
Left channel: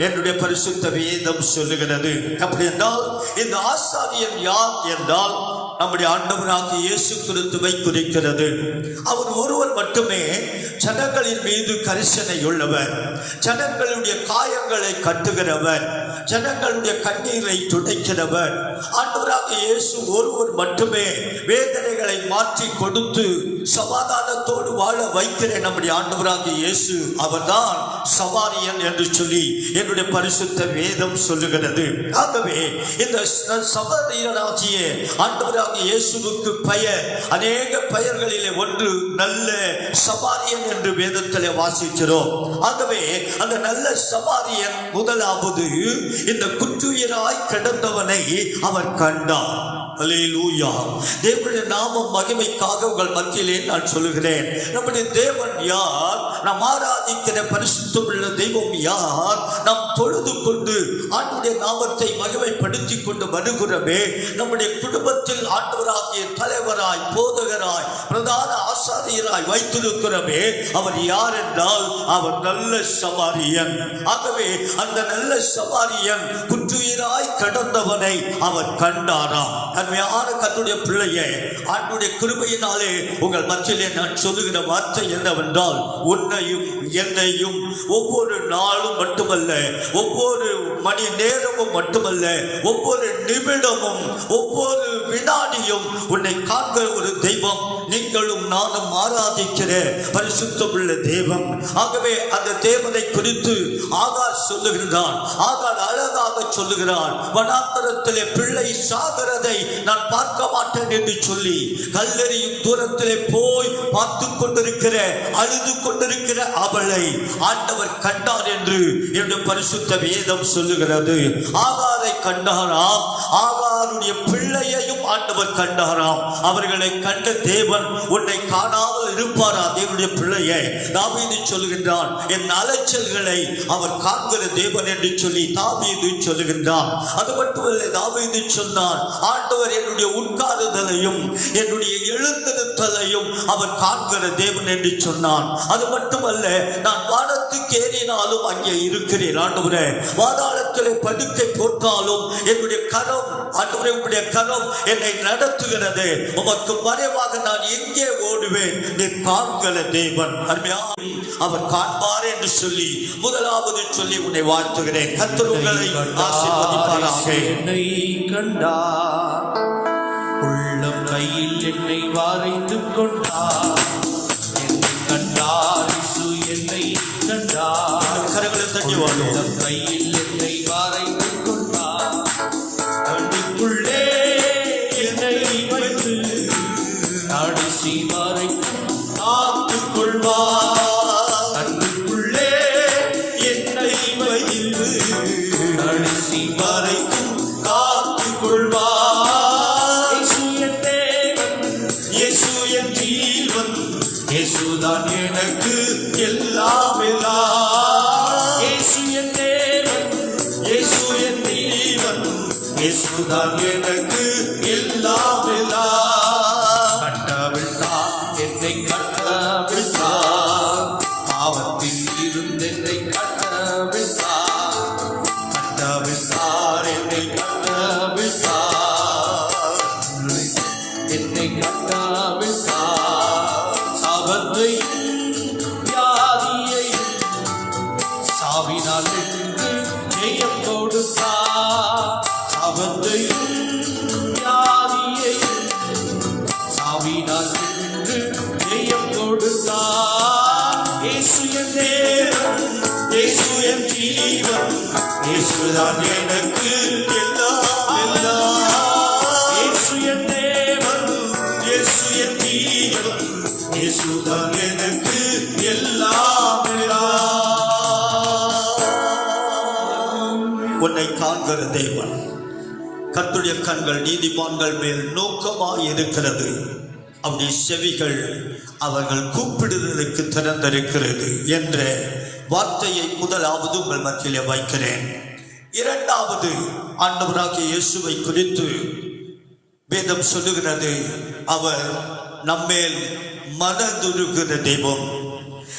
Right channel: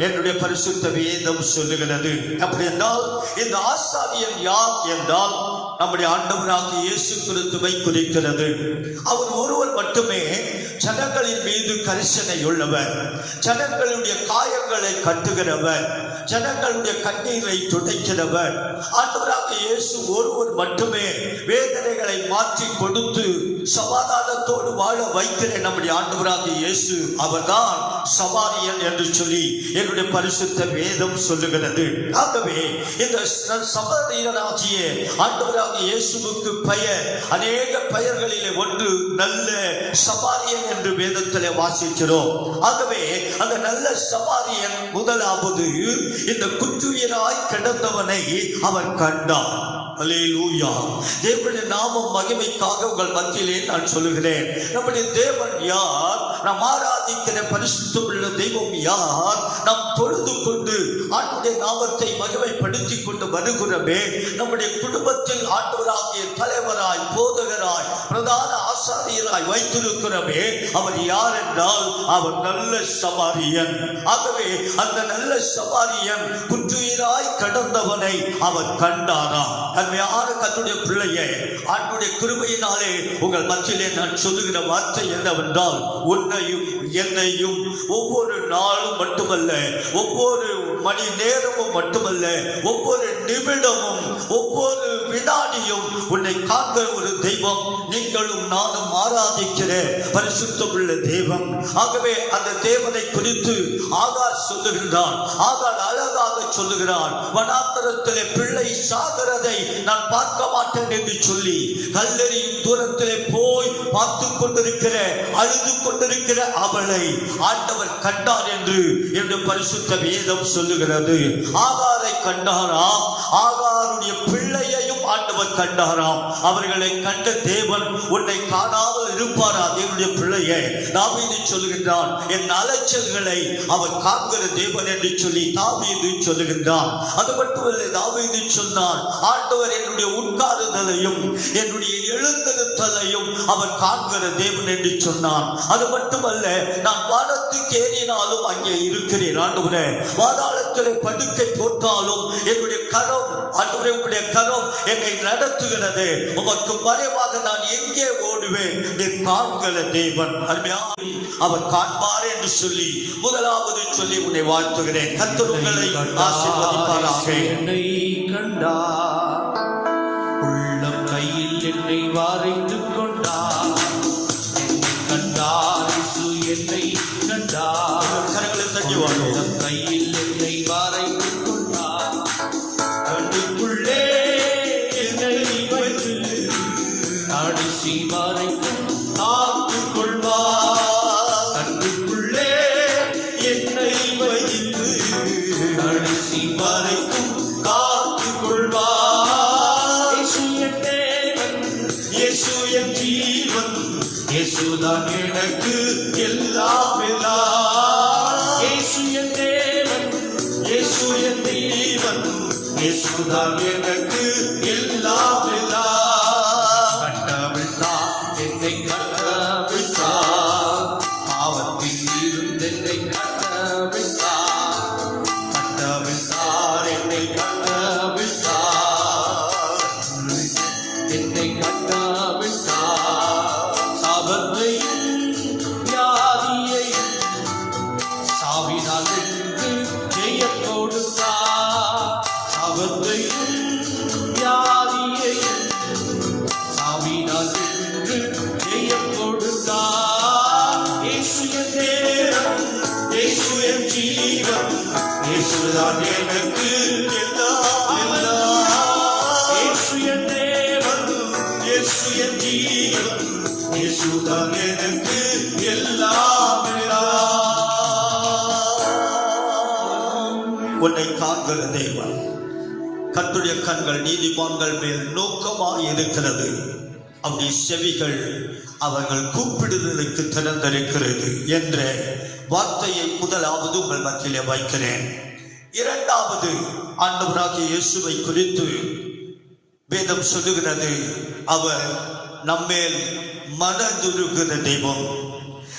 என்னுடைய பரிசுத்த வேதம் சொல்லுகிறது. அப்படி என்றால் இந்த ஆசாரியன் யார் என்றால் நம்முடைய ஆண்டவராகிய இயேசு கிறிஸ்துவை குறிக்கிறது. அவர் ஒருவர் மட்டுமே ஜனங்களின் மீது கரிசனை உள்ளவர், ஜனங்களுடைய காயங்களை கட்டுகிறவர், ஜனங்களுடைய கண்ணீரை துடைக்கிறவர். ஆண்டவராகிய இயேசு ஒருவர் மட்டுமே வேதனைகளை மாற்றி கொடுத்து சமாதானத்தோடு வாழ வைக்கிற நம்முடைய ஆண்டவராகிய இயேசு அவர்தான் சமாரியன் என்று சொல்லி என்னுடைய பரிசுத்த வேதம் சொல்லுகிறது. ஆகவே இந்த சமாரியனாகிய ஆண்டவராகிய இயேசுவுக்கு பெயர், அநேக பெயர்களிலே ஒன்று நல்ல சமாரியன் என்று வேதத்திலே வாசிக்கிறோம். ஆகவே அந்த நல்ல சமாரியன் முதலாவது இந்த குற்றுயிராய் கிடந்தவனை அவர் கண்டார். அல்லேலூயா. தேவனுடைய நாமம் மகிமைக்காக உங்கள் மத்தியிலே நான் சொல்லுகிறேன், நம்முடைய தேவன் யார்? நாம் ஆராதிக்கிற பரிசுத்தமுள்ள தெய்வம் யார்? நாம் தொழுது கொண்டு ஆண்டுடைய நாமத்தை மகிமைப்படுத்திக் கொண்டு வருகிறோமே, நம்முடைய குடும்பத்தில் ஆண்டவராகிய தலைவராய், போதகராய், பிரதான ஆசாரியராய் வைத்திருக்கிறோமே, அவர் யார் என்றால் அவர் நல்ல சமாரியன். ஆகவே அந்த நல்ல சமாரியன் குற்றுயிராய் கடந்தவனை அவர் கண்டாராம். அருமையான கர்த்தருடைய பிள்ளையே, ஆண்டவருடைய கிருபையினாலே உங்கள் மத்தியிலே நான் சொல்லுகிற வார்த்தை என்னவென்றால், உன்னையும் என்னையும் ஒவ்வொரு நாளும் மட்டுமல்ல, ஒவ்வொரு மணி நேரமும் மட்டுமல்ல, ஒவ்வொரு நிமிடமும் ஒவ்வொரு வினாடியும் உன்னை காக்கிற ஒரு தெய்வம் நீங்களும் நானும் ஆராதிக்கிற பரிசுத்தமுள்ள தேவன். ஆகவே அந்த தேவனை குறித்து ஆகார் சொல்லுகிறான். ஆகார் அழகாக சொல்லுகிறான், வனாந்தரத்திலே பிள்ளை சாகிறதை நான் பார்க்க மாட்டேன் என்று சொல்லி கல்லெறியும் தூரத்திலே போய் பார்த்து கொண்டிருக்கிற, அழுது கொண்டிருக்கிற அவளை ஆண்டவர் கண்டார் என்று பரிசுத்த வேதம் சொல்லுகிறது. ஆகாரை கண்டாராம், ஆகாருடைய பிள்ளையையும் ஆண்டவர் கண்டாராம். அவர்களை கண்ட தேவன் உன்னை காணாமல் இருப்பாரா? தேவனுடைய பிள்ளையை தாவீது சொல்கின்றான், என் அலைச்சல்களை அவர் காண்கிற தேவன் என்று சொல்லி தாவீது சொல்லுகின்றான். அது மட்டுமல்ல, தாவீது சொன்னான், ஆண்டவர் என்னுடைய உட்காருதலையும் என்னுடைய எழுந்திருத்தலையும் அவர் காண்கிற தேவன் என்று சொன்னான். அது மட்டுமல்ல, நான் வானத்துக்கு ஏறினாலும் அங்கே இருக்கிறேன் ஆண்டவரே, வாதாளத்திலே படுக்கை போட்டாலும் என்னுடைய கரம், ஆண்டவரே உம்முடைய கரம் என்னை நடத்துகிறது. உமக்கு மறைவாக நான் எங்கே ஓடுவேன்? நீ காண்கிற தேவன். அவர் காண்பார் என்று சொல்லி முதலாவது சொல்லி உன்னை வாழ்த்துகிறேன். கர்த்தர் உங்களை ஆசீர்வதிப்பாராக. என்னை கண்டார், உள்ளம் கையில் என்னை வாரைத்துக் கொண்டார். என்னை கண்டார், இயேசு என்னை கண்டார். கரங்களை தட்டி உள்ளம் கையில் என்னை வாரைத்துக் கொண்டார். கண்ணுக்குள்ளே என்னை வைத்து நாடிசி வாரைத்து காத்துக் கொள்வார். கண்ணுக்குள்ளே என்னை வைத்து நாடிசி வாரைத்து காத்துக் கொள்வார். இயேசுதான் எனக்கு எல்லாம் எல்லாம். இயேசு என் தேவன், இயேசு என் தெய்வம், இயேசுதான் எனக்கு எல்லாம் எல்லாம். கட்டவிட்டார், என்னை கட்டவிட்டார், பாவத்தில் இருந்து என்னை கட்டவிட்டார். கட்டவிட்டார், என்னை கட்டவிட்டார், என்னை கட்டவிட்டார். வியாதியை சாவினால் வென்று ஜெயம் கொடுத்தார். அவத்தையும் வியாதியை சாவினால் வென்று ஜெயம் கொடுத்தார். இயேசு என் தேவன், இயேசு என் ஜீவன், இயேசுதான் எனக்கு எல்லாம் எல்லாம். இயேசு என் தேவன், இயேசு என் ஜீவன், இயேசுதான் எனக்கு எல்லாம் எல்லாம். உன்னை காண்கிற தேவன். கர்த்தருடைய கண்கள் நீதிமான்கள் மேல் நோக்கமாய் இருக்கிறது, அவருடைய செவிகள் அவர்கள் கூப்பிடுதலுக்கு திறந்திருக்கிறது என்ற வார்த்தையை முதலாவது உங்கள் மத்தியிலே வைக்கிறேன். இரண்டாவது, ஆண்டவராகிய இயேசுவை குறித்து வேதம் சொல்லுகிறது, அவர் நம்மேல் மனதுருகிற தெய்வம்.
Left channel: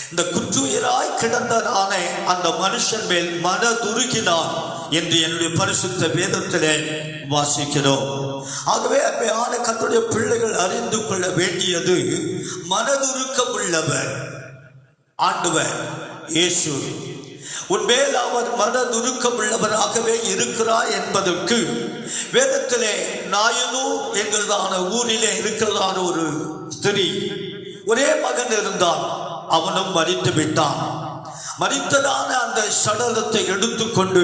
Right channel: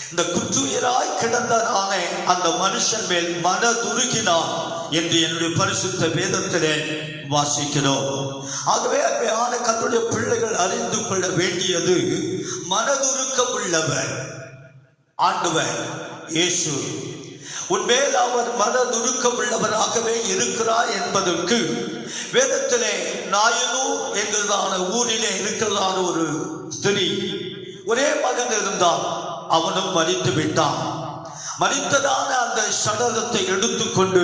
இந்த குற்றுயிராய் கிடந்ததான அந்த மனுஷன் மேல் மனதுருகினான் என்று என்னுடைய பரிசுத்த வேதத்திலே வாசிக்கிறோம். ஆகவே அருமையான கர்த்தருடைய பிள்ளைகள் அறிந்து கொள்ள வேண்டியது, மனதுருக்கம் உள்ளவர் ஆண்டவர் இயேசு. உன்மேல் அவர் மனதுருக்கம் உள்ளவராகவே இருக்கிறார் என்பதற்கு வேதத்திலே நாயனு என்கிறதான ஊரிலே இருக்கிறதான ஒரு ஸ்திரீ, ஒரே மகன் இருந்தான், அவனும் மரித்து விட்டான். மரித்ததான அந்த சடலத்தை எடுத்துக்கொண்டு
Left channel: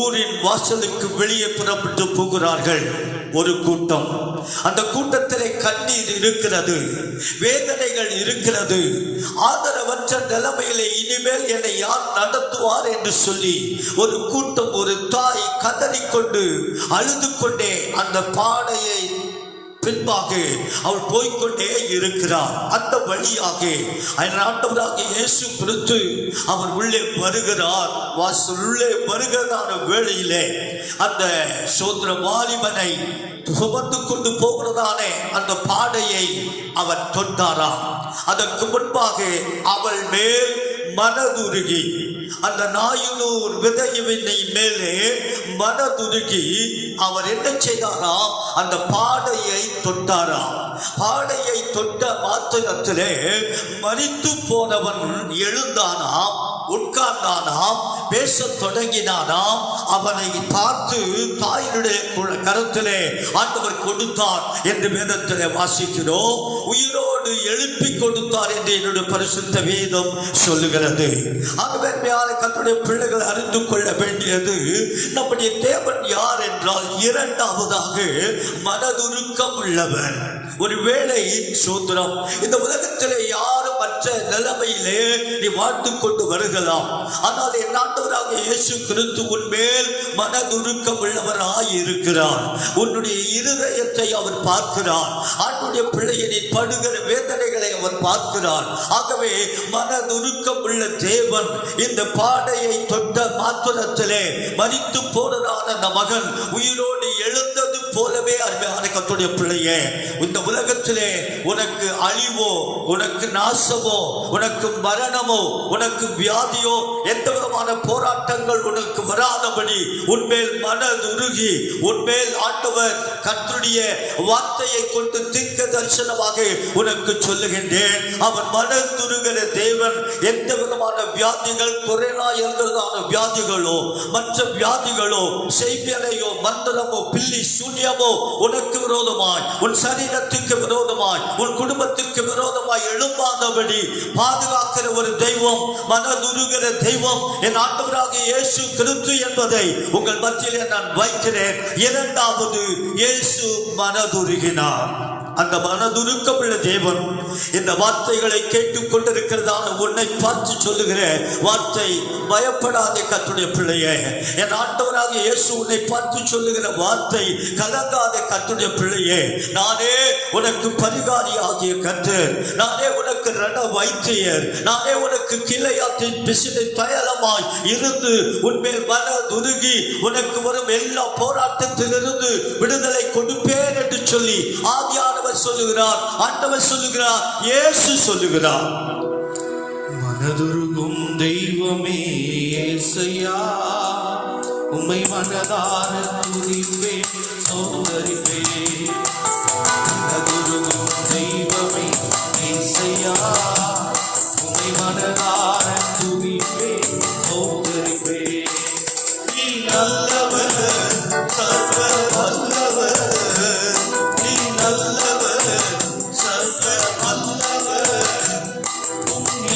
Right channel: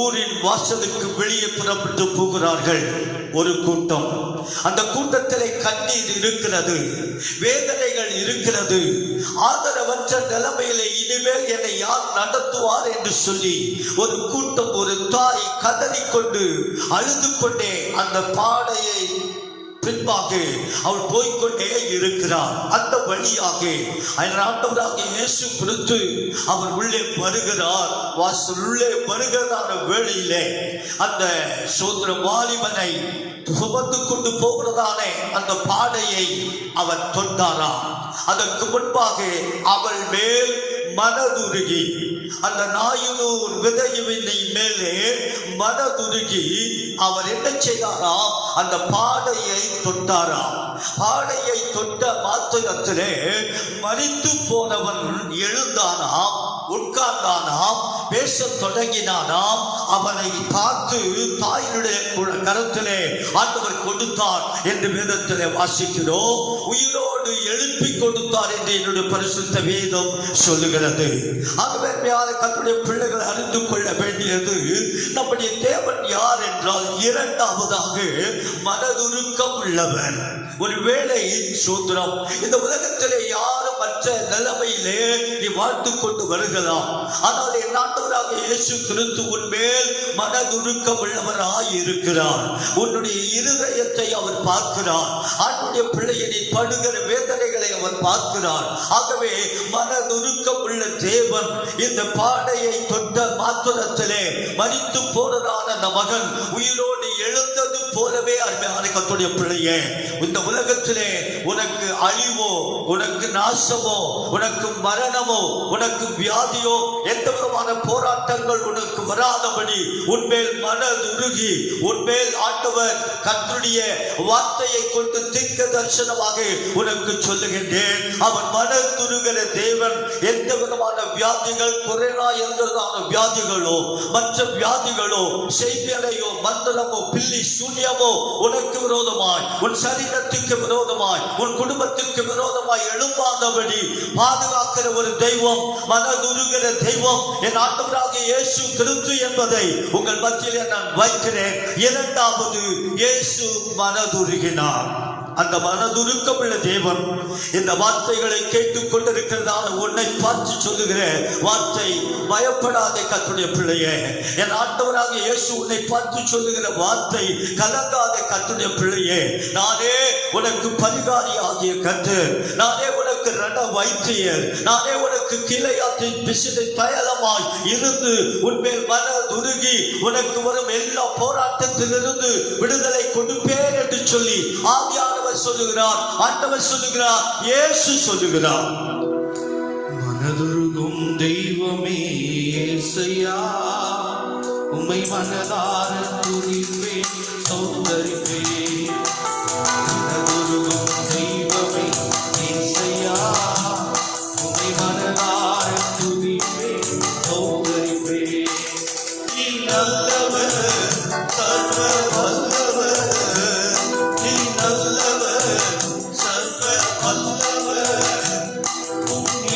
ஊரின் வாசலுக்கு வெளியே புறப்பட்டு போகிறார்கள். ஒரு கூட்டம். அந்த கூட்டத்திலே கண்ணீர் இருக்கிறது, வேதனைகள் இருக்கிறது. ஆதரவற்ற நிலைமையிலே இனிமேல் என்னை யார் நடத்துவார் என்று சொல்லி ஒரு கூட்டம், ஒரு தாய் கதறிக்கொண்டு அழுது கொண்டே அந்த பாடையை பின்பாக அவள் போய்கொண்டே இருக்கிறார். அந்த வழியாக ஆண்டவராகிய இயேசு கிறிஸ்து அவர் உள்ளே வருகிறார். வாசல் உள்ளே வருகிறதான வேளையிலே அந்த சோதர வாலிபனை சுமந்து கொண்டு போகிறதானே அந்த பாடையை அவர் தொட்டாராம். அதற்கு முன்பாக அவள் மேல் மனதுருகி, அந்த நாயுனூர் விதையினை மேலே மனதுருகி அவர் என்ன செய்தாராம்? அந்த பாடையை தொட்டாராம். பாடையை தொட்ட மாத்திரத்திலே மரித்து போனவன் எழுந்தானாம், உட்கார்ந்தானாம், பேசத் தொடங்கினானாம். அவனை பார்த்து தாயினுடைய கருத்திலே ஆண்டவர் கொடுத்தார் என்று வேதத்திலே வாசிக்கிறோம். உயிரோடு எழுப்பி கொடுத்தார் என்று என்னுடைய பரிசுத்த வேதம் சொல்லுகிறது. ஆகவே கர்த்தருடைய பிள்ளைகள் அறிந்து கொள்ள வேண்டியது, நம்முடைய தேவன் யார் என்றால் இரண்டாவதாக மனதுருக்கம் உள்ளவர். ஒருவேளை சூத்திரம் இந்த உலகத்திலே யாரும் மற்ற நிலைமையிலே நீ வாழ்ந்து கொண்டு வருகலாம். ஆனால் என் ஆண்டவராக இயேசு கிறிஸ்து உன்மேல் மனதுருக்கம் உள்ளவராய் இருக்கிறார். உன்னுடைய இருதயத்தை அவர் பார்க்கிறார். ஆண்டுடைய பிள்ளையை நீ படுகிற வேதனைகளை அவர் பார்க்கிறார். ஆகவே மனதுருக்கம் உள்ள தேவன் இந்த பாடையை தொட்ட மாத்திரத்திலே மரித்து போனதான அந்த மகன் உயிரோடு எழுந்தது போலவே அருமையான கர்த்தருடைய பிள்ளையே, இந்த உலகத்திலே உனக்கு அழிவோ, உனக்கு நாசமோ, உனக்கு மரணமோ, உனக்கு வியாதியோ, எந்த விதமான போராட்டங்கள் உனக்கு வராதபடி உன்மேல் மனதுருகி உன்மேல் ஆண்டவர் கர்த்தருடைய வார்த்தையை கொண்டு தீர்க்க தரிசனமாக உனக்கு சொல்லுகின்றேன். அவன் மனதுருகிற தேவன் எந்த விதமான வியாதிகள், கொரோனா என்றதான வியாதிகளோ, மற்ற வியாதிகளோ, செய்தியலையோ, மந்திரமோ, பில்லி சூன்யமோ உனக்கு விரோதமாய், உன் சரீரத்துக்கு விரோதமாய், உன் குடும்பத்துக்கு விரோதமாய் எழும்பாதபடி பாதுகாக்கிற ஒரு தெய்வம், மனதுருகிற தெய்வம் என் ஆண்டவராகிய இயேசு கிறிஸ்து என்பதை உங்கள் மத்தியிலே நான் வைக்கிறேன். இரண்டாவது, இயேசு மனதுருகினார். அந்த மனதுருக்கம் உள்ள தேவன் இந்த வார்த்தைகளை கேட்டுக் கொண்டிருக்கிறதான உன்னை பார்த்து சொல்லுகிற வார்த்தை, பயப்படாதே கர்த்தருடைய பிள்ளையே. என் ஆண்டவராக இயேசு உன்னை பார்த்து சொல்லுகிற வார்த்தை, கலங்காதே கர்த்தருடைய பிள்ளையே. நானே உனக்கு பரிகாரி ஆகிய கர்த்தர், நானே உனக்கு ரண வைத்தியர், நானே உனக்கு கிளையாற்றின் பிசினை தயலமாய் இருந்து உன்மேல் மனதுருகி உனக்கு வரும் எல்லா போராட்டத்திலிருந்து விடுதலை கொடுப்பேன் என்று சொல்லி ஆவியானவர் சொல்லுகிறார், ஆண்டவர் சொல்லுகிறார், இயேசு சொல்லுகிறார். மனதுருகும் தெய்வமே இயேசையா, உம்மை மனதார துதிப்பேன், சௌந்தரிப்பேன். மனதுருகும் தெய்வமே இயேசையா, உம்மை மனதார துதிப்பேன், சௌந்தரிப்பேன். நீ நல்லவர், சர்வ வல்லவர், நீ நல்லவர், சர்வ வல்லவர்,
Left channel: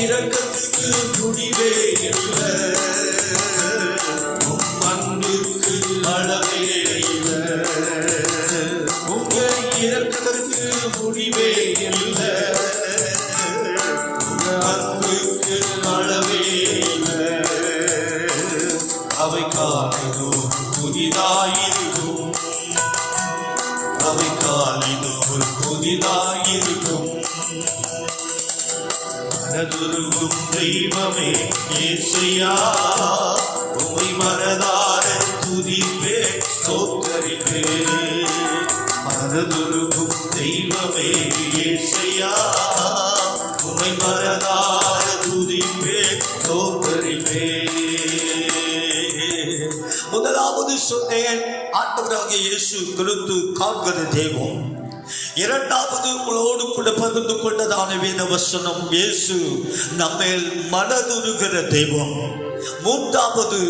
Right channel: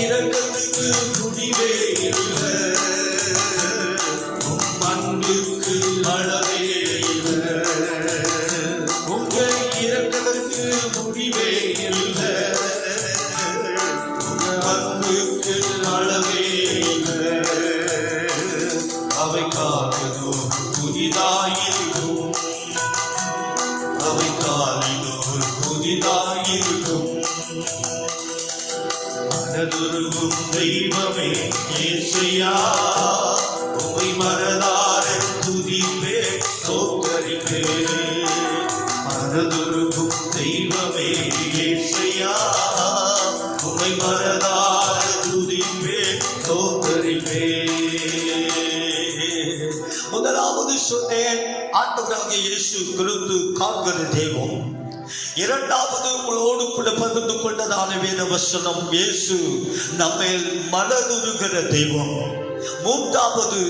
இரக்கத்துக்கு முடிவே இல்லை, அன்பிற்கு அளவே இல்லை, உங்கள் இரக்கத்துக்கு முடிவே இல்லை, அன்பிற்கு அளவே இல்லை. அவை காலமும் புதிதாயிருக்கும், அவை காலிலும் புதிதாயிருக்கும். மனதுருகும் தெய்வமே இயேசையா, உம்மை மனதார துதிப்பேன், ஸ்தோத்தரிப்பேன். மனதுருகும் தெய்வமே இயேசையா, உம்மை மனதார துதிப்பேன், ஸ்தோத்தரிப்பேன். முதலாவது சொன்னேன், ஆண்டவராகிய இயேசு கிறிஸ்து காண்கிற தெய்வம். இரண்டாவது உங்களோடு கூட பகிர்ந்து கொண்டதான வேத வசனம், இயேசு நம்மேல் மனதுருகிற தெய்வம். மூன்றாவது,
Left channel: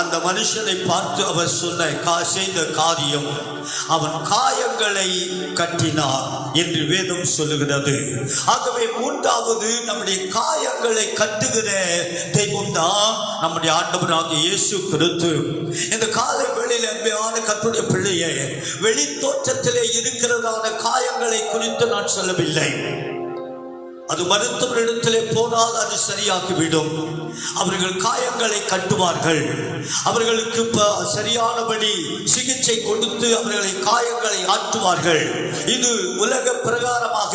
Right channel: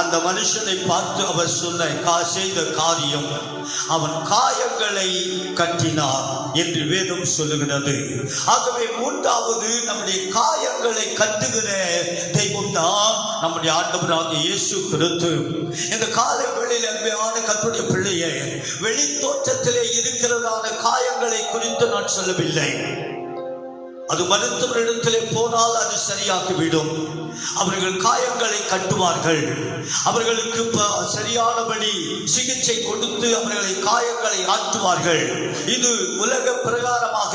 அந்த மனுஷனை பார்த்து அவர் சொன்ன செய்த காரியம், அவன் காயங்களை கட்டினார் என்று வேதம் சொல்லுகிறது. ஆகவே மூன்றாவது, நம்முடைய காயங்களை கட்டுகிற தெய்வம் தான் நம்முடைய ஆண்டவராகிய இயேசு கிறிஸ்து இந்த காலை வேளையில் அருமையான கர்த்தருடைய பிள்ளையே, வெளி தோற்றத்திலே இருக்கிறதான காயங்களை குறித்து நான் சொல்லவில்லை. அது மருத்துவரிடத்திலே போனால் அது சரியாகிவிடும். அவர்கள் காயங்களை கட்டுவார்கள். அவர்களுக்கு சரியானபடி சிகிச்சை கொடுத்து அவர்களை காயங்களை ஆற்றுவார்கள். இது உலக பிரகாரமாக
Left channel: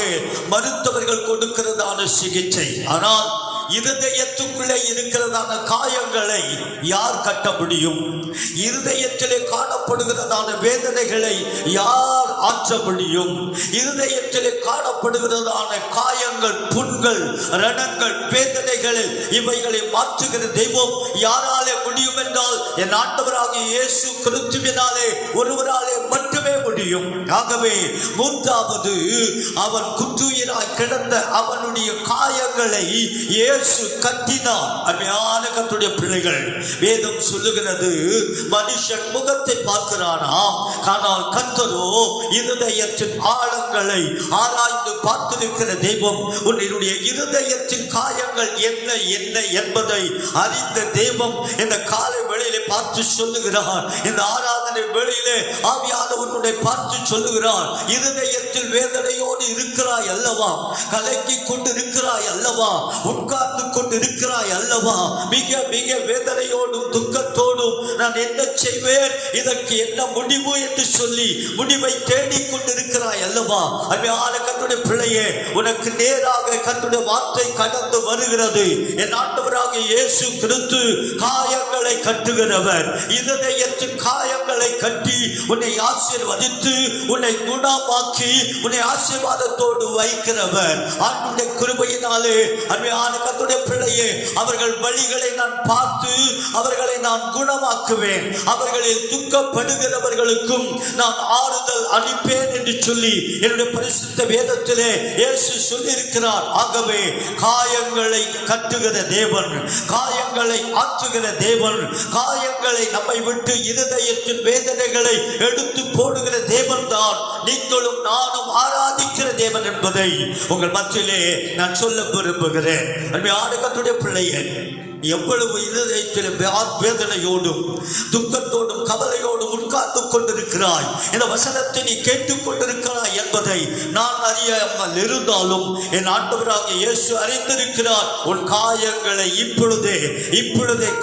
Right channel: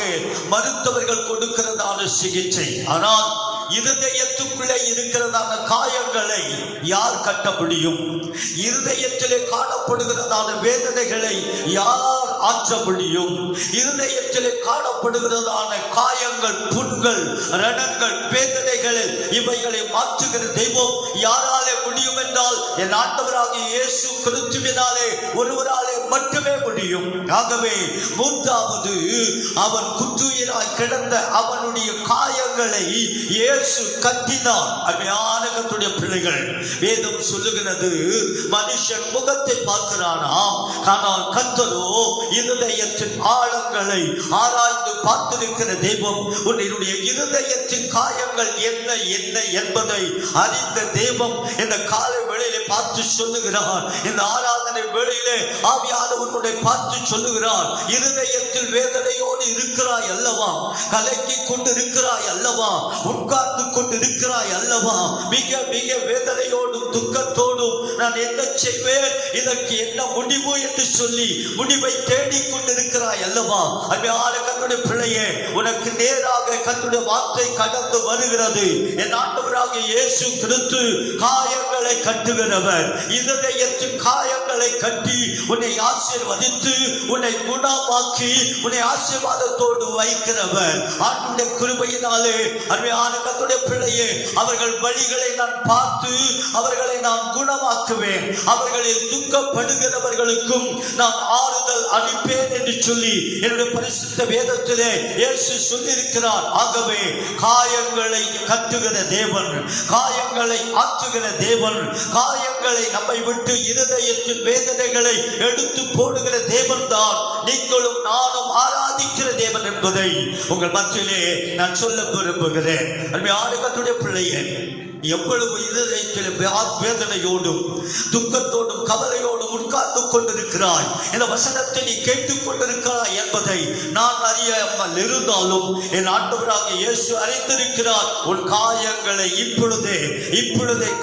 மருத்துவர்கள் கொடுக்கிறதான சிகிச்சை. ஆனால் இருதயத்துக்குள்ளே இருக்கிறதான காயங்களை யார் கட்ட முடியும்? இருதயத்திலே காணப்படுகிறதான வேதனைகளை யார் ஆற்ற முடியும்? இருதயத்திலே காணப்படுகிறதான காயங்கள், புண்கள், ரணங்கள், வேதனைகளில் இவைகளை மாற்றுகிற தெய்வம் யாராலே முடியும் என்றால் என் ஆண்டவராகிய இயேசு கிறிஸ்துவினாலே ஒருவராலே மட்டுமே முடியும். ஆகவே மூன்றாவது, அவன் குற்றுயிராய் கிடந்த அவனுடைய காயங்களை இயேசு கட்டினார். அருமையான கர்த்தருடைய பிள்ளைகள், வேதம் சொல்லுகிறது, மனுஷன் முகத்தை பார்க்கிறானா, ஆனால் கர்த்தரோ இருதயத்தின் ஆழங்களை ஆராய்ந்து பார்த்திருக்கிற தெய்வம். உன்னுடைய இருதயத்தின் காயங்கள் என்ன என்ன என்பதை அறிந்த தெய்வம் இந்த காலை வேளையிலே பார்த்து சொல்லுகிறார். இந்த ஆராதனை வேளையிலே ஆவியானவருடைய பார்த்து சொல்லுகிறார், இருதயத்தில் வேதனையோடு இருக்கிறாய் அல்லவா? கலக்கி கொண்டு இருக்கிறாய் அல்லவா? உட்கார்ந்து கொண்டு இருக்கிறாய் அல்லவா? மிக மிக வேதனையோடும் துக்கத்தோடும் நான் என்ன செய்வேன், இதற்கு என்ன முடிவு என்று சொல்லி முடிவை தேடிக் கொண்டிருக்கிறாய் அல்லவா? அருமையான கர்த்தருடைய பிள்ளையே, உனக்கு நேராக கர்த்தருடைய வார்த்தை கடந்து வருகிறது. என் ஆண்டவராகிய இயேசு கிறிஸ்து காயங்களை கட்டுகிறவர். இருதயத்தின் காயங்களை கட்டி உன்னை ஆசீர்வதித்து உன்னை குணமாக்கி உன்னை ஆசீர்வாதத்தோடு வைக்கிறவர். ஆண்டவருடைய கிருபையினாலே அருமையான கர்த்தருடைய பிள்ளையே, அவர்கள் வழிகளை நான் பார்த்து அவர்களை நான் குணமாக்குவேன். அவர்களில் துக்கப்படுகிறவர்களுக்கும் நான் ஆறுதல் அளிப்பேன் என்று சொல்லி என்னுடைய பரிசுத்த வேதத்திலே இயேசு சொல்லியிருக்கிறார். ஆகவே காயங்களை கட்டுகிற தேவன், காயங்களை ஆற்றுகிற தேவன், காயங்களை நம்மை விட்டு இருதயத்தின் வேதனைகளை எடுத்து போடுகிற தேவன் தான் நீங்களும் நானும் ஆராதிக்கிற தேவன் என்பதை உங்கள் மத்தியிலே நான் சொல்ல விரும்புகிறேன். கர்த்தருடைய பிள்ளையே, எவ்வளவு இருதயத்தில் வேதனையோடும் துக்கத்தோடும் கவலையோடும் உட்கார்ந்து கொண்டிருக்கிறாய், இந்த வசனத்தை நீ கேட்டுக் கொண்டிருக்கிறாய் என்பதை நான் அறியாமல் இருந்தாலும் என் ஆண்டவராகிய இயேசு அறிந்திருக்கிறார். உன் காயங்களை இப்பொழுதே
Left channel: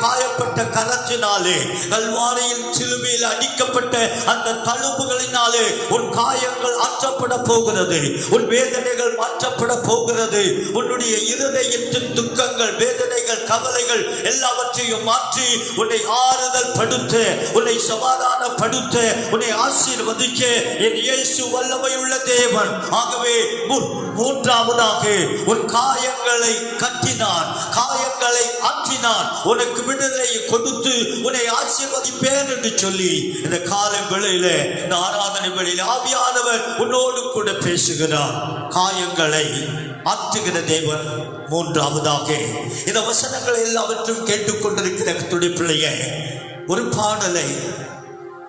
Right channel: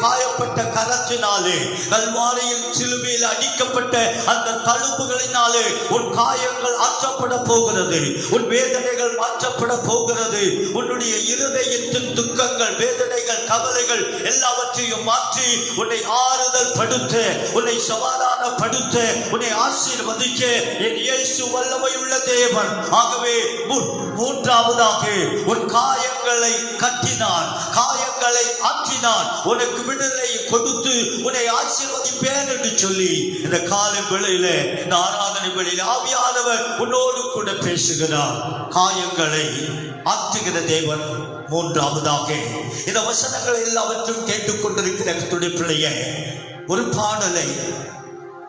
காயப்பட்ட கரத்தினாலே, கல்வாரியில் சிலுவையில் அடிக்கப்பட்ட அந்த தழும்புகளினாலே உன் காயங்கள் ஆற்றப்பட போகிறது. உன் வேதனைகள் மாற்றப்பட போகிறது. உன்னுடைய இருதயத்தின் துக்கங்கள், வேதனைகள், கவலைகள் எல்லாவற்றையும் மாற்றி உன்னை ஆறுதல் படுத்த, உன்னை சமாதானப்படுத்த, உன்னை ஆசீர்வதிக்க என் இயேசு வல்லமையுள்ள தேவன். ஆகவே மூன்றாவதாக உன் காயங்களை கட்டினான், காயங்களை ஆற்றினான், உனக்கு விடுதலை கொடுத்து உன்னை ஆசீர்வதிப்பேன் என்று சொல்லி இந்த காலை வேளையில, இந்த ஆராதனை வேளையில ஆவியானவர் உன்னோடு கூட பேசுகிறார். காயங்களை ஆற்றுகிற தேவன். மூன்றாவதாக இந்த வசனங்களை எல்லாவற்றும் கேட்டுக்கொண்டிருக்கிற கர்த்தருடைய பிள்ளையே, ஒரு பாடலை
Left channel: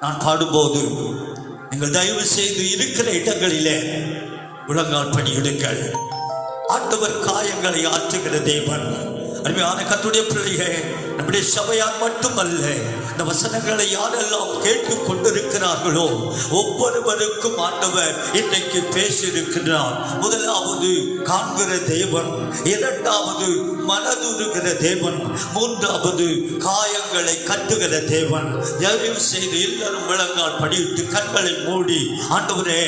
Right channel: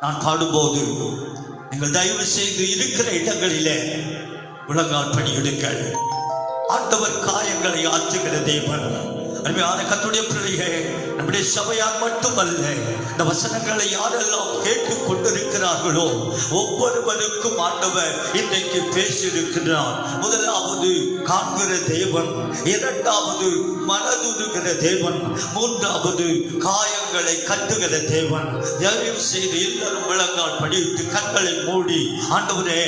நான் பாடும்போது நீங்கள் தயவு செய்து இருக்கிற இடங்களிலே முழங்கால் படியிடுங்கள். ஆண்டவர் காயங்களை ஆற்றுகிற தேவன். அருமையான கர்த்தருடைய பிள்ளையே, நம்முடைய சபையார் மட்டுமல்ல, இந்த வசனங்களை யாரெல்லாம் கேட்டுக் கொண்டிருக்கிறார்களோ ஒவ்வொருவருக்கும் ஆண்டவர் இன்றைக்கு பேசியிருக்கிறார். முதலாவது காண்கிற தேவன், இரண்டாவது மனதுருகிற தேவன், மூன்றாவது காயங்களை கட்டுகிற தேவன். தயவு செய்து எல்லாரும் முழங்கால் படியிட்டு கண்களை மூடி, ஆண்டவரே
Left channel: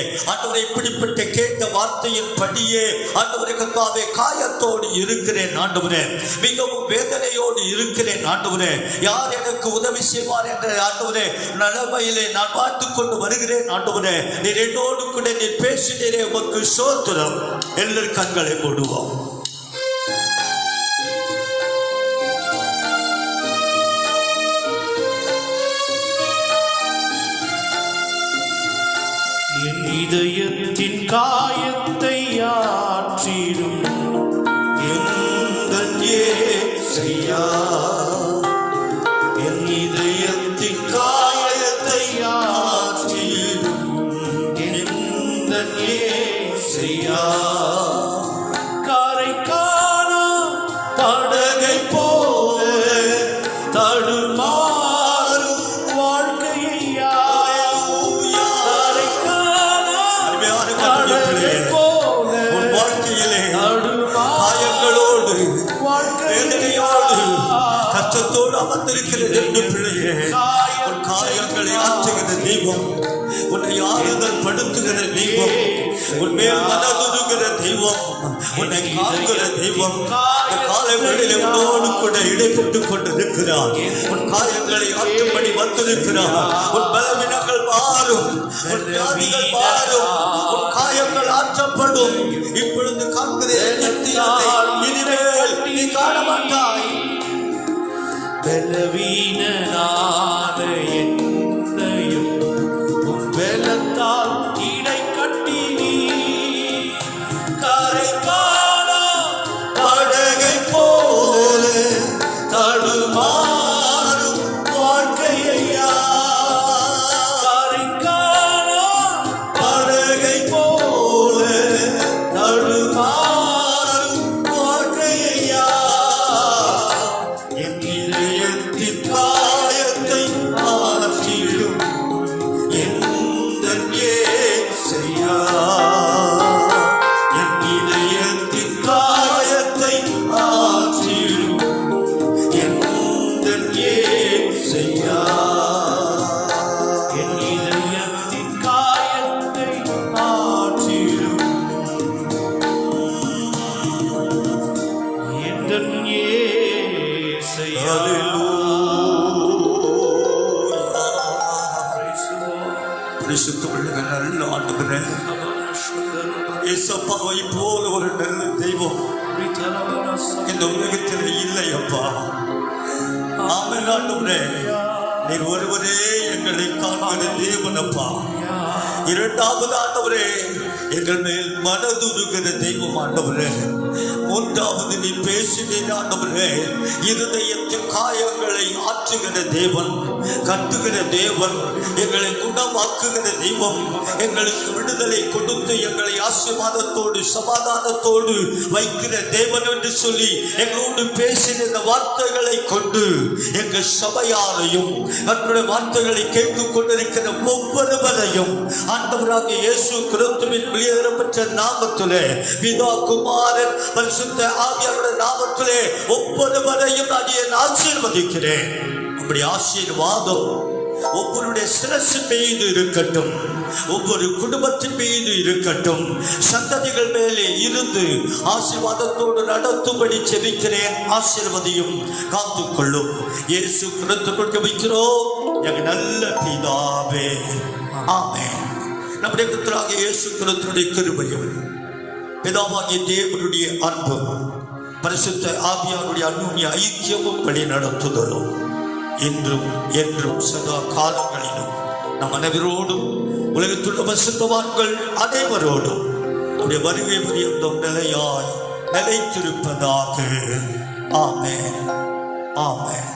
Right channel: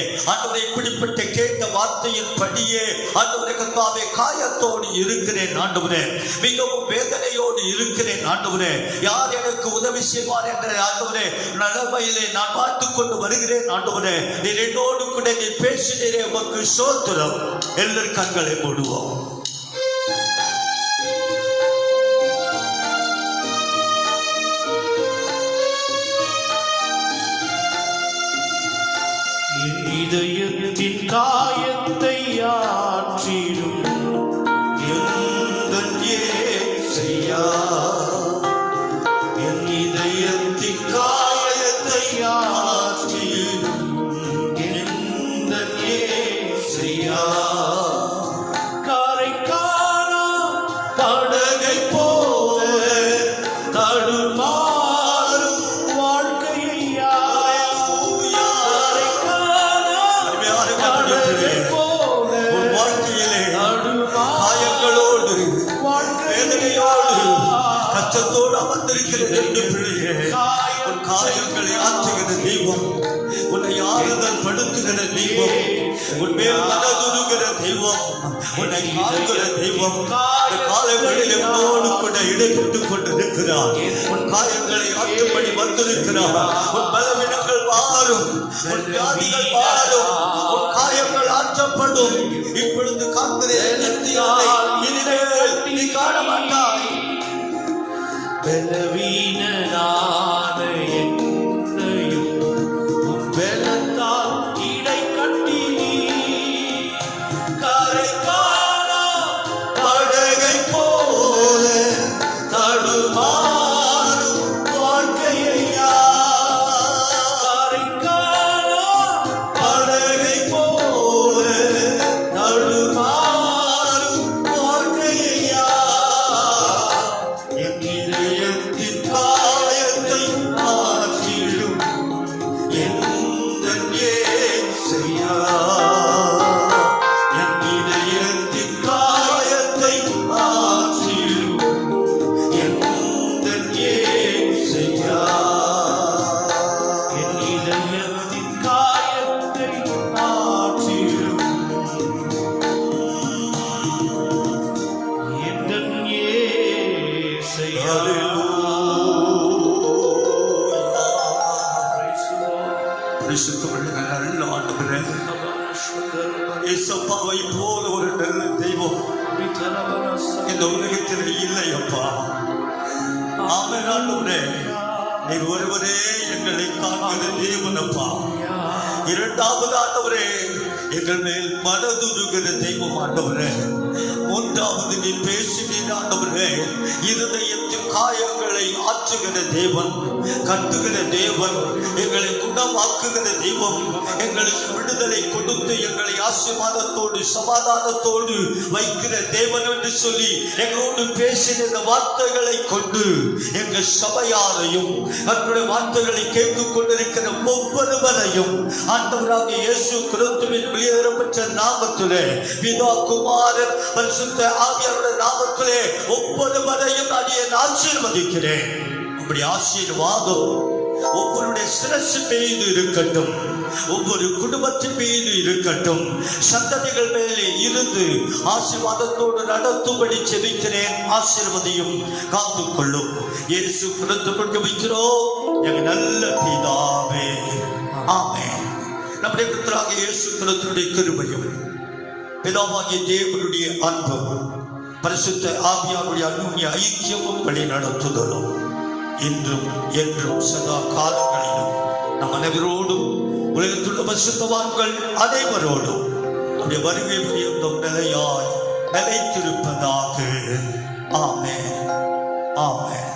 இப்படிப்பட்ட கேட்ட வார்த்தையின் படியே ஆண்டவரே, கர்த்தாவே காயத்தோடு இருக்கிறேன் ஆண்டவரே, மிகவும் வேதனையோடு இருக்கிறேன் ஆண்டவரே, யார் எனக்கு உதவி செய்வார் என்ற ஆண்டவரே நிலைமையிலே நான் பார்த்துக் கொண்டு வருகிறேன் ஆண்டவரே. நீர் என்னோடு கூட நீ பேசினீரே, உமக்கு ஸ்தோத்திரம். எல்லாரும் கண்களை மூடுவோம். இதயத்தின் காயத்தை ஆற்றிடும் என் இயேசையா, என் இதயத்தின் காயத்தை ஆற்றிடும் என் இயேசையா, காரை காண படகை போல வேதனையோடு கஷ்டத்தோடு வந்திருக்கிற ரெண்டு பிள்ளையே, உன் காயங்களை ஆற்றுகிற தெய்வம், உன்னை ஆறுதல் படுத்துகிற தெய்வம், உன் மேல் மனதுருகிற தெய்வம், உன்னை காண்கிற தெய்வம் இந்த காலை வேளையிலே உன்னோடு கூட இடைப்பட்டுக் கொண்டிருக்கிறார். உன் காயங்களை ஆற்றும்படி வந்திருக்கிறார். உன் பலவீனங்கள் மாறும், உன் வியாதிகள் மாறும், உன் காயங்கள் ஆற்றப்படும். இப்பொழுது காண்கிறேன் நித்தியத்தை இனிமேல் நீ காண மாட்டாய். பலவீனனான என்னையும் உன் பலத்தால் இடை கட்டி நீ கரை காணா படகை போல தடுமாறும் வாழ்க்கையா, கரை காணா படகை போல தடுமாறும் வாழ்க்கையா, என் இதயத்தின் காயத்தை ஆற்றிடும் எந்தன் இயேசையா, என் இதயத்தின் காயத்தை ஆற்றிடும் எந்தன் இயேசையா, என் இதயத்தின் காயத்தை ஆற்றிடும் எந்தன் இயேசையா. பரிசுத்தமுள்ள நல்ல ஆண்டவரே, இயேசப்பாவை போல ஒரு நல்ல தெய்வம் இந்த உலகத்தில் இல்லை அப்பா. ஆமென் ஆண்டவரே, நீர் ஒருவரே எங்களை காண்கிற தேவன் அப்பா. இரண்டாவது ஆண்டவரே, எங்கள் மேல் மனதுருகிற தெய்வம் ஆண்டவரே. மூன்றாவது நீர் பேசினீர் ஆண்டவரே, இருதயத்தின் காயங்களை ஆற்றுகிற தேவன், கட்டுகிற தேவன், எங்களை குணமாக்குகிற தெய்வம், எங்களுக்கு விடுதலை கொடுத்து எங்களை ஆசீர்வாதத்தோடு சமாதானத்தோடு வைக்கிற தேவன் என்று சொல்லி எங்களோடு பேசின இந்த வார்த்தைகளை கொண்டு எங்கள் சபையாரையும் நம்முடைய வார்த்தைகளை கேட்டுக் கொண்டிருக்கிற ஒவ்வொருவரையும் ஆண்டவராக இயேசு கிறிஸ்துவின் வெளியேறப்பட்ட நாமத்திலே, பிதா குமாரன் பரிசுத்த ஆவியாருடைய நாமத்திலே ஒவ்வொருவரையும் நான் ஆசீர்வதிக்கிறேன். நம்முடைய ஆசீர்வாதம் ஒவ்வொருடைய சிரசு மீது இருக்கட்டும், ஒவ்வொரு குடும்பத்தின் மீது இருக்கட்டும், சந்ததிகள் மேலே இருந்து ஆசீர்வாதத்தோடு நடத்தும்படி செபிக்கிறேன். ஆசீர்வதியும் காத்துக்கொள்ளும். இயேசு கிறிஸ்துவுக்குள் ஜெபிக்கிறோம் எங்கள் நல்ல பிதாவே, ஆமென். நம்முடைய கர்த்தராகிய இயேசு கிறிஸ்துவுடைய கிருபையும் பிதாவாகிய தேவனுடைய அன்பும் பரிசுத்த ஆவியாருடைய அன்புடைய ஐக்கியமும் வழி நடத்துதலும் இன்றும் என்றும் சதா காலங்களிலும் நம் அனைவரோடும் உலகத்துள்ள பரிசுத்தவான்கள் அனைவரோடும் நம்முடைய வருகை புரியும் நிலையாய் நிலைத்திருப்பதாக. ஆமென், ஆமென்.